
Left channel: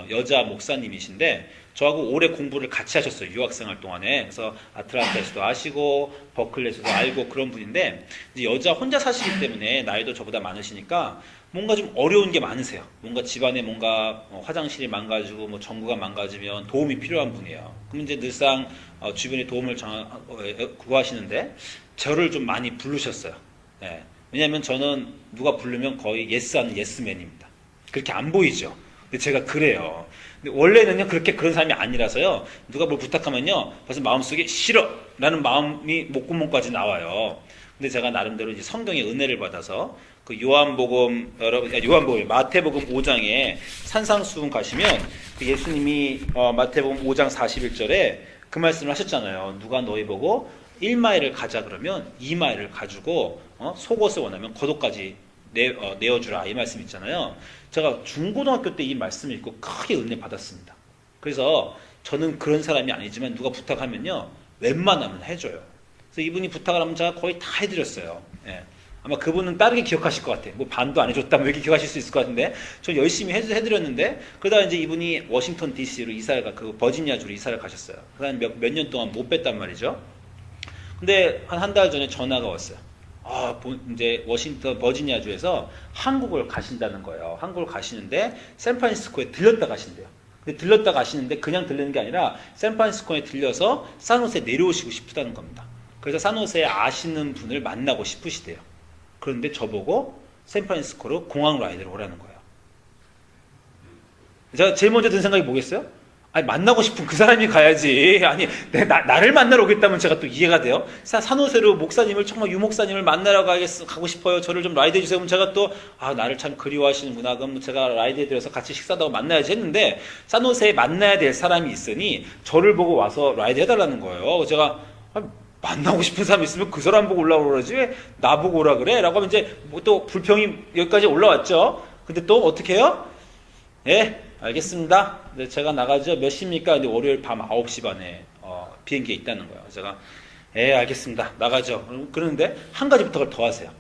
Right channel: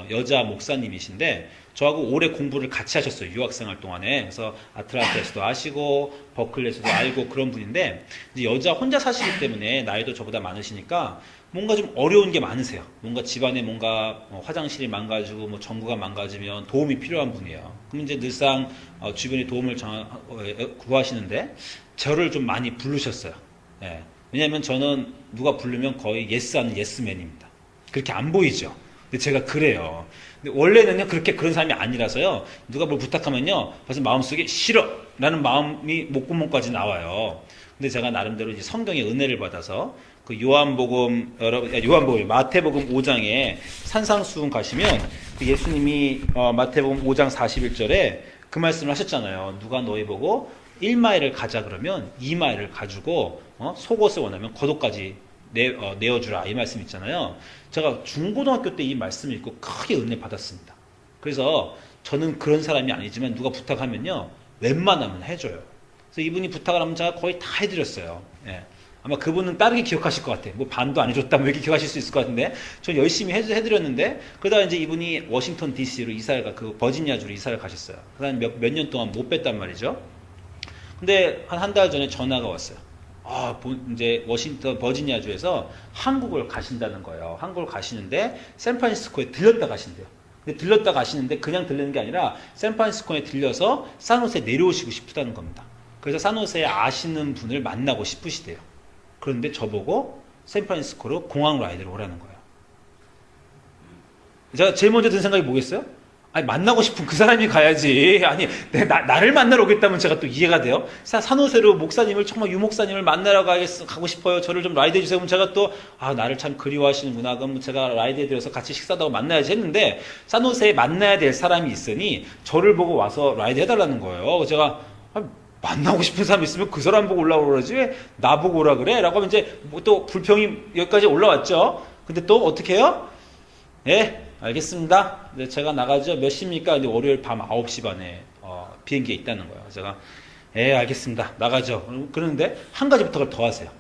여자 목사님이신데 저하고 오래 공부를 같이 하셨어요. 유학생활 동안에. 그래서 아틀란타에서도 아시고 버클리에서도 알고 그런 분인데 이제 여자 혼자 사시기 때문에 나이도 저보다 많으시니까 뭔가 좀 어려운 게 많으세요. 뭔가 집안에 뭔가 화장실이 망가지고 뭐 전구가 망가지면 도움이 필요한 분이에요. 그럼 이제 늘상 주변에 도움을 구하시는데 저를 좀 많이 부르셨어요. 네. 왜냐하면 저는 누가 부르면 거의 예스하는 예스맨입니다. 그렇게 안 보이죠. 근데 제가 그래요. 근데 원래는요 그런 사람이 아니라서요. 누가 뭘 부탁하면요 벌써 마음속에 싫어 라는 마음이 목구멍까지 나와요. 근데 제가 나름대로 이제 성경의 은혜를 받아서 그 요한복음 마태복음 5장에 산상수훈 가시면 그 예수님이 마태복음 5장 41절에 그 말씀을 하셨잖아요. 누가 너희 보고 1마일을 가자 그러면 2마일을 가지고 속옷을 원하면 겉옷까지 내어주라 이 말씀 있잖아요. 제가 중고등학교 때 이 말씀 읽고 크게 은혜 받았습니다. 그래서 저는 그런 사람이 아니지만 누가 부탁하면요 웬만하면 해줘요. 그래서 이분이 부탁을 하면 제가 거의 다 해드렸어요. 예. 아마 그분은 빠르게 기억하실 것 같아요. 뭐 반도 안 해줬다 뭐 이렇게 기억하실 수 있을 것 같은데 전 열심히 해드렸는데 그러다가 이제 이분이 워싱턴 DC로 그 버지니아주로 이사를 가셨어요. 그다음 몇 년 동안 못 뵀단 말이죠. 근데 한 달 전에 전화가 왔어요. 이제 버지니아주에서 한국을 가신다는 거예요. 한국을 가시는데 샌프란시스코에 들렸다 가신대요. 근데 들렸다 가시는데 그냥 들리는 게 아니라 샌프란시스코에 들려서 산호세 내려오시고 싶다는 겁니다. 그래서 산호세에 아시는 분을 만나고 싶으시대요. 그런데 저보고 샌프란시스코로 공항 라이드를 오라는 거예요. 제가 제일 먼저 든 생각이 뭐겠어요? 아니 만나고 싶은 그 사람이 가야지. 아니 나를 만나러 오겠다면 제가 또 이해가 돼요. 산호세로 목사님을 정말 유 목사님을 만나러 가고 싶어요. 저를 좀 라이드 해주세요. 그럼 제가 또 나를 참 그리워하시는구나. 그럼 제가 라이드 해드려서 같이 식사도 하고 만나야지 했는데 산호세에 만나야 될 사람이 있으니 저를 보고 와서 라이드 해달라는 거예요. 제가 만나고 싶은 사람 있으면 그 사람 보고 올라오라 그러지 왜 나보고 오라 그래? 라고 하면 이제 뭐 또 불평이 여기까지 올라왔죠. 근데 또 어떻게 해요? 예, 알겠습니다. 근데 제가 나가죠. 몇 시입니까? 근데 월요일 밤 9시 반에 비행기에 있다는 거예요. 제가 알겠습니다. 나가죠. 그러는데 한 가지 부탁을 더 하세요.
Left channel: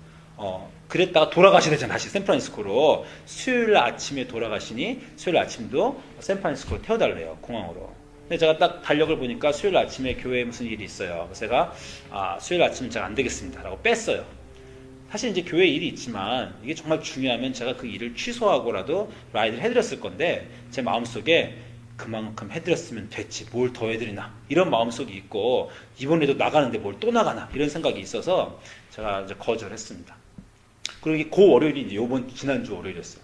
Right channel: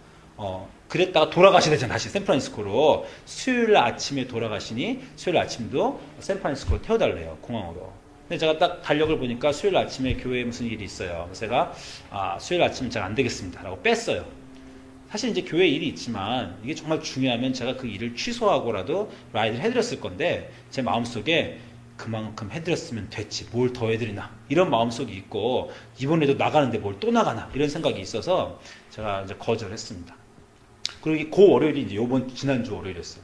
그랬다가 돌아가셔야 되잖아. 다시 샌프란시스코로. 수요일 아침에 돌아가시니 수요일 아침도 샌프란시스코로 태워달래요. 공항으로. 근데 제가 딱 달력을 보니까 수요일 아침에 교회에 무슨 일이 있어요. 그래서 제가 수요일 아침은 제가 안 되겠습니다. 라고 뺐어요. 사실 이제 교회 일이 있지만 이게 정말 중요하면 제가 그 일을 취소하고라도 라이드를 해드렸을 건데 제 마음속에 그만큼 해드렸으면 됐지 뭘 더 해드리나 이런 마음속이 있고 이번에도 나가는데 뭘 또 나가나 이런 생각이 있어서 제가 이제 거절했습니다. 그리고 그 월요일이 이제 지난주 월요일이었어요.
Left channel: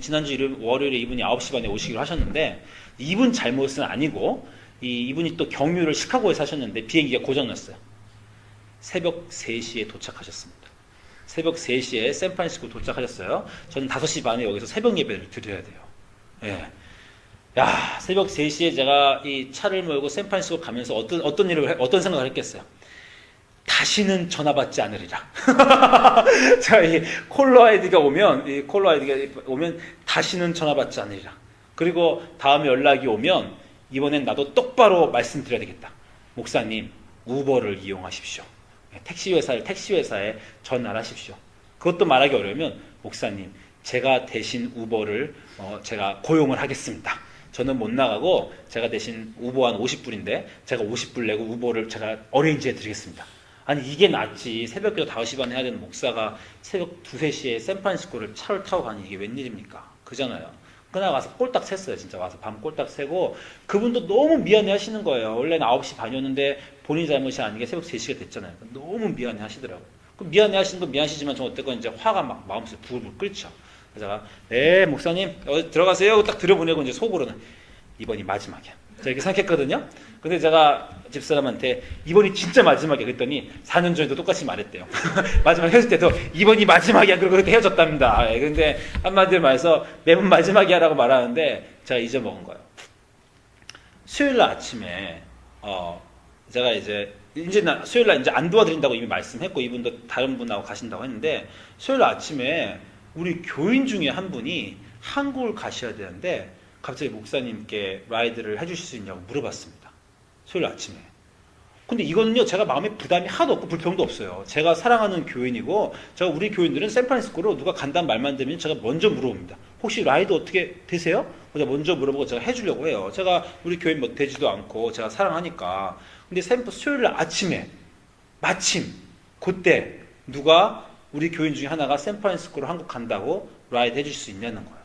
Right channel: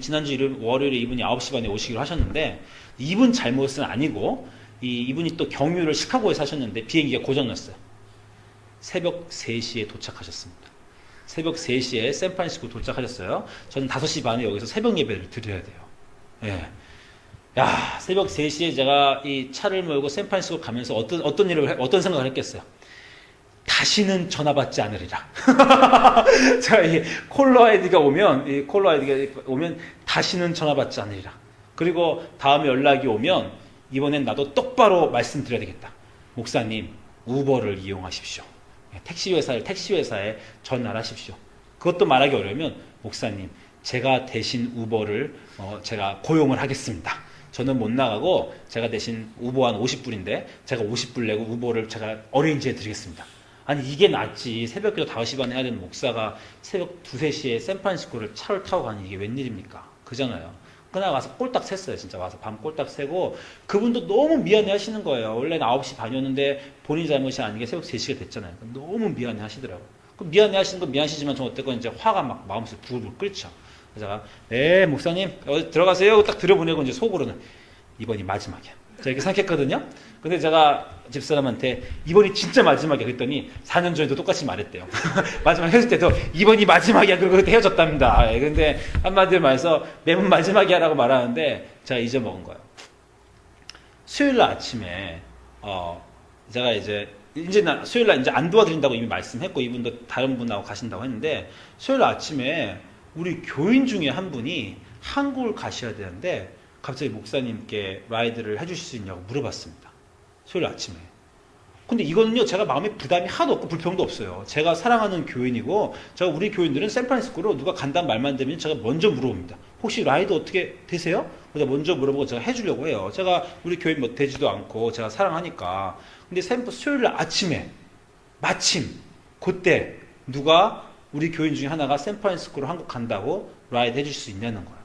지난주 월요일에 이분이 9시 반에 오시기로 하셨는데 이분 잘못은 아니고 이분이 또 경유를 시카고에서 하셨는데 비행기가 고장났어요. 새벽 3시에 도착하셨습니다. 새벽 3시에 샌프란시스코 도착하셨어요. 저는 5시 반에 여기서 새벽 예배를 드려야 돼요. 예. 야, 새벽 3시에 제가 이 차를 몰고 샌프란시스코 가면서 어떤 생각을 했겠어요? 다시는 전화 받지 않으리라. 자, 이 콜러 아이디가 오면 다시는 전화 받지 않으리라. 그리고 다음에 연락이 오면 이번엔 나도 똑바로 말씀드려야 되겠다. 목사님, 우버를 이용하십시오. 택시 회사에 전화를 하십시오. 그것도 말하기 어려우면 목사님, 제가 대신 우버를 제가 고용을 하겠습니다. 저는 못 나가고 제가 대신 우버 한 50불인데 제가 50불 내고 우버를 제가 어레인지 해드리겠습니다. 아니 이게 낫지. 새벽기도 5시 반에 해야 되는 목사가 새벽 2, 3시에 샌프란시스코를 차를 타고 가는 이게 웬일입니까? 그잖아요. 그날 와서 꼴딱 샜어요. 진짜 와서 밤 꼴딱 새고 그분도 너무 미안해 하시는 거예요. 원래는 9시 반이었는데 본인 잘못이 아니게 새벽 3시가 됐잖아요. 너무 미안해 하시더라고요. 미안해 하시는 건 미안하시지만 저 어쨌건 이제 화가 막 마음속에 부글부글 끓죠. 그래서 제가 목사님 들어가세요. 딱 들여보내고 이제 속으로는 이번이 마지막이야. 제가 이렇게 생각했거든요. 근데 제가 집사람한테 이번이 진짜 마지막이야 그랬더니 4년 전에도 똑같이 말했대요. 마지막 헤어질 때도 이번이 마지막이야 그러고 그렇게 헤어졌답니다. 근데 한마디로 말해서 매번 마지막이야 라고 말하는데 제가 잊어먹은 거예요. 수요일 날 아침에 제가 수요일 날 이제 안 도와드린다고 이미 말씀했고 이분도 다른 분하고 가신다고 했는데 수요일 아침에 우리 교인 중에 한 분이 한국을 가셔야 되는데 갑자기 목사님께 라이드를 해주실 수 있냐고 물어봤습니다. 수요일 아침에. 근데 이거는요 제가 마음에 부담이 하나도 없고 불평도 없어요. 제가 사랑하는 교인이고 제가 우리 교인들은 샌프란시스코로 누가 간다는 말만 되면 제가 먼저 물어봅니다. 혹시 라이드 어떻게 되세요? 제가 먼저 물어보고 제가 해주려고 해요. 제가 우리 교인 뭐 되지도 않고 제가 사랑하니까. 근데 수요일 아침에 마침 그때 누가 우리 교인 중에 하나가 샌프란시스코로 한국 간다고 라이드 해줄 수 있냐는 거예요.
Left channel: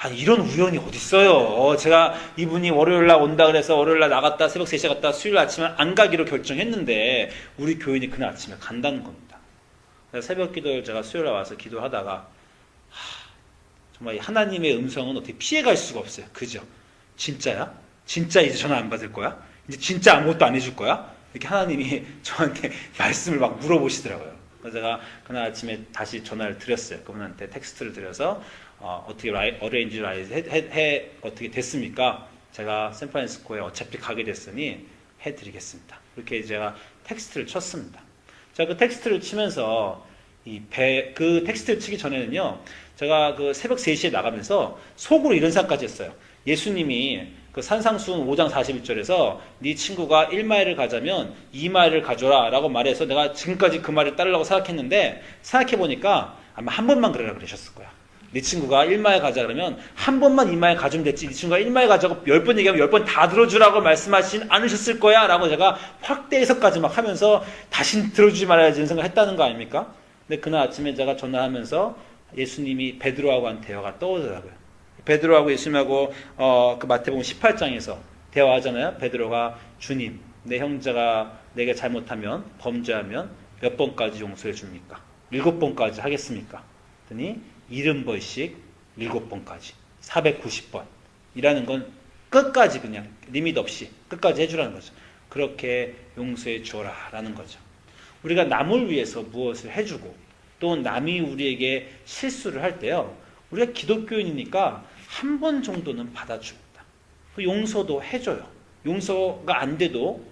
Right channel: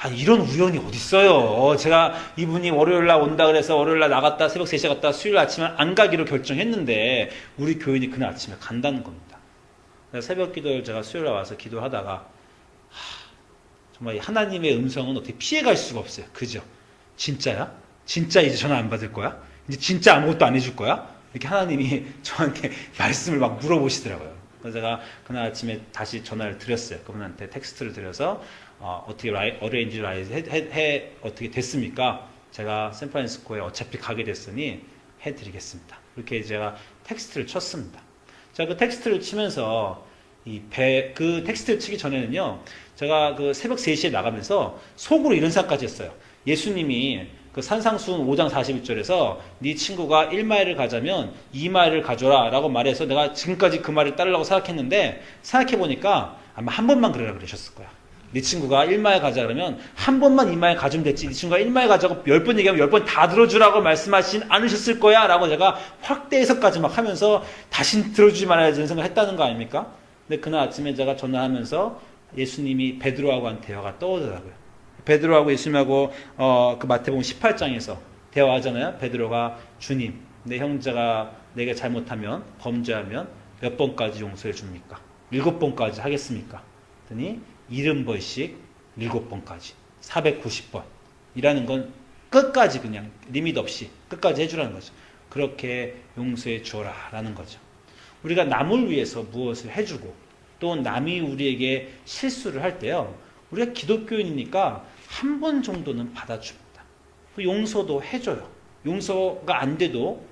아니 이런 우연이 어딨어요. 제가 이분이 월요일날 온다 그래서 월요일날 나갔다 새벽 3시에 갔다 수요일 아침에 안 가기로 결정했는데 우리 교인이 그날 아침에 간다는 겁니다. 그래서 새벽 기도를 제가 수요일에 와서 기도하다가 정말 하나님의 음성은 어떻게 피해갈 수가 없어요. 그죠? 진짜야? 진짜 이제 전화 안 받을 거야? 이제 진짜 아무것도 안 해줄 거야? 이렇게 하나님이 저한테 말씀을 막 물어보시더라고요. 그래서 제가 그날 아침에 다시 전화를 드렸어요. 그분한테 텍스트를 드려서 어떻게 어레인지 어떻게 됐습니까? 제가 샌프란시스코에 어차피 가게 됐으니 해드리겠습니다. 이렇게 제가 텍스트를 쳤습니다. 제가 그 텍스트를 치면서 그 텍스트를 치기 전에는요, 제가 그 새벽 3시에 나가면서 속으로 이런 생각까지 했어요. 예수님이 그 산상수훈 5장 41절에서 네 친구가 1마일을 가자면 2마일을 가져라 라고 말해서 내가 지금까지 그 말을 따르려고 생각했는데, 생각해보니까 아마 한 번만 그러라 그러셨을 거야. 네 친구가 1마일 가자 그러면 한 번만 2마일 가주면 됐지, 네 친구가 1마일 가자고 10번 얘기하면 10번 다 들어주라고 말씀하시진 않으셨을 거야 라고 제가 확대 해석까지 막 하면서 다신 들어주지 말아야지 이런 생각을 했다는 거 아닙니까? 근데 그날 아침에 제가 전화하면서 예수님이 베드로하고 한 대화가 떠오르더라고요. 베드로하고 예수님하고 그 마태복음 18장에서 대화하잖아요. 베드로가 주님, 내 형제가 내게 잘못하면, 범죄하면 몇 번까지 용서해 줍니까? 7번까지 하겠습니까? 그랬더니 70번씩 7번까지 490번 이라는 건 끝까지 그냥 리밋 없이 끝까지 해주라는 거죠. 그렇게 용서해 주어라 라는 거죠. 우리가 남을 위해서 무엇을 해주고 또 남이 우리에게 실수를 할 때요, 우리가 기독교인이니까 한 번 정도는 받아줍니다. 그 용서도 해줘요. 용서가 안 돼도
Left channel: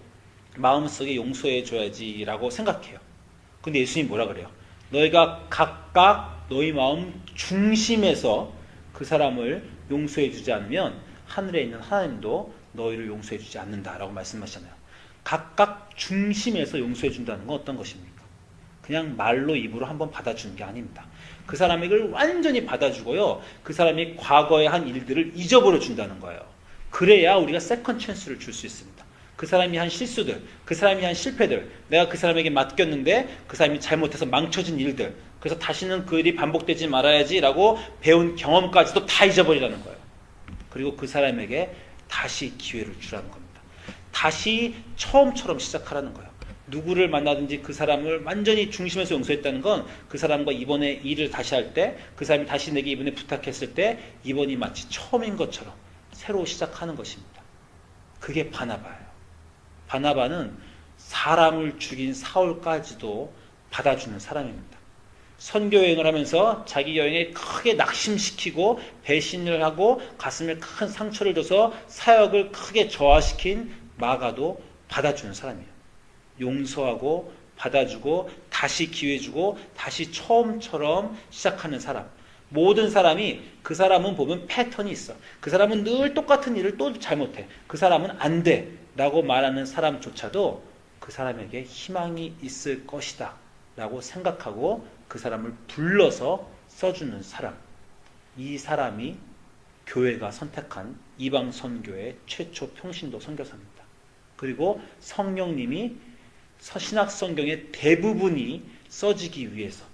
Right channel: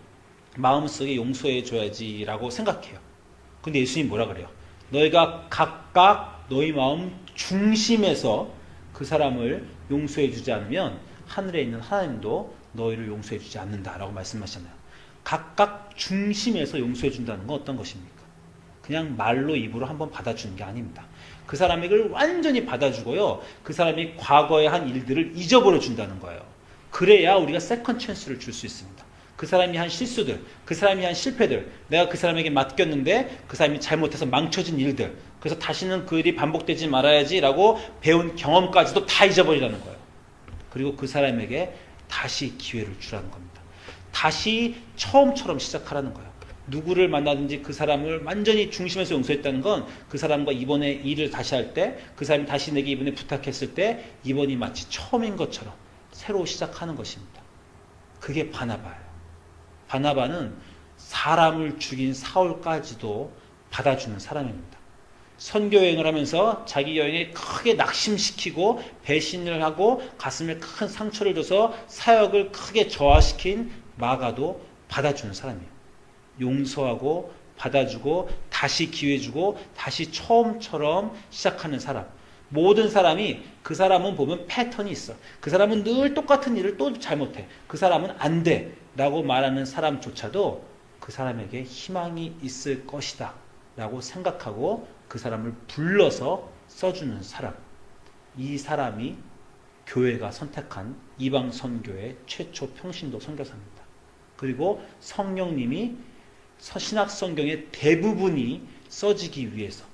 마음속에 용서해 줘야지라고 생각해요. 근데 예수님이 뭐라 그래요? 너희가 각각 너희 마음 중심에서 그 사람을 용서해 주지 않으면 하늘에 있는 하나님도 너희를 용서해 주지 않는다라고 말씀하셨잖아요. 각각 중심에서 용서해 준다는 건 어떤 것입니까? 그냥 말로 입으로 한번 받아주는 게 아닙니다. 그 사람이 이걸 완전히 받아주고요, 그 사람이 과거에 한 일들을 잊어버려 준다는 거예요. 그래야 우리가 세컨 찬스를 줄 수 있습니다. 그 사람이 한 실수들, 그 사람이 한 실패들, 내가 그 사람에게 맡겼는데 그 사람이 잘못해서 망쳐진 일들, 그래서 다시는 그 일이 반복되지 말아야지라고 배운 경험까지도 다 잊어버리라는 거예요. 그리고 그 사람에게 다시 기회를 주라는 겁니다. 다시 처음처럼 시작하라는 거예요. 누구를 만나든지 그 사람을 완전히 중심에서 용서했다는 건 그 사람과 이번에 일을 다시 할 때, 그 사람이 다시 내게 이번에 부탁했을 때 이번이 마치 처음인 것처럼 새로 시작하는 것입니다. 그게 바나바예요. 바나바는 사람을 죽인 사울까지도 받아주는 사람입니다. 선교여행을 하면서 자기 여행에 크게 낙심시키고 배신을 하고 가슴에 큰 상처를 줘서 사역을 크게 저하시킨 마가도 받아주는 사람이에요. 용서하고 받아주고 다시 기회 주고 다시 처음처럼 시작하는 사람. 모든 사람이, 그 사람은 보면 패턴이 있어. 그 사람은 늘 똑같은 일을 또 잘못해. 그 사람은 안 돼 라고 말하는 사람조차도 그 사람에게 희망이 있을 것이다 라고 생각하고 그 사람을 불러서 써주는 사람. 이 사람이 교회가 선택한 이방 선교의 최초 평신도 선교사입니다. 그리고 성령님이 신약 성경의 대부분이 써지기 위해서,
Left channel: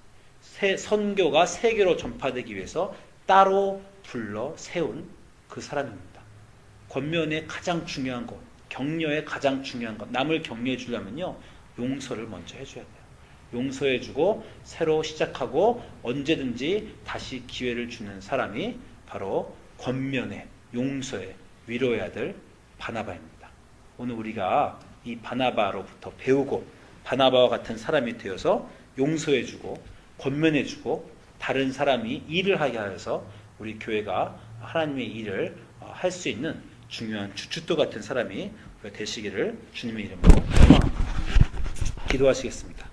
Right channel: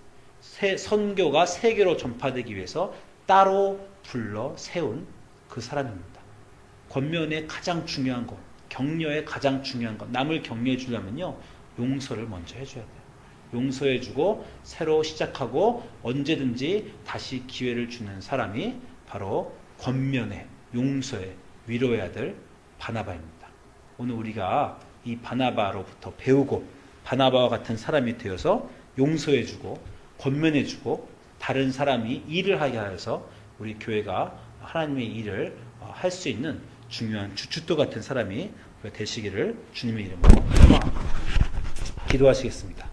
선교가 세계로 전파되기 위해서 따로 불러 세운 그 사람입니다. 권면의 가장 중요한 것, 격려의 가장 중요한 것, 남을 격려해 주려면요, 용서를 먼저 해줘야 돼요. 용서해주고 새로 시작하고 언제든지 다시 기회를 주는 사람이 바로 권면의, 용서의, 위로해야 될 바나바입니다. 오늘 우리가 이 바나바로부터 배우고 바나바와 같은 사람이 되어서 용서해주고 권면해주고 다른 사람이 일을 하게 하여서 우리 교회가 하나님의 일을 할 수 있는 중요한 주춧돌 같은 사람이 되시기를 주님의 이름으로 기도하시겠습니다.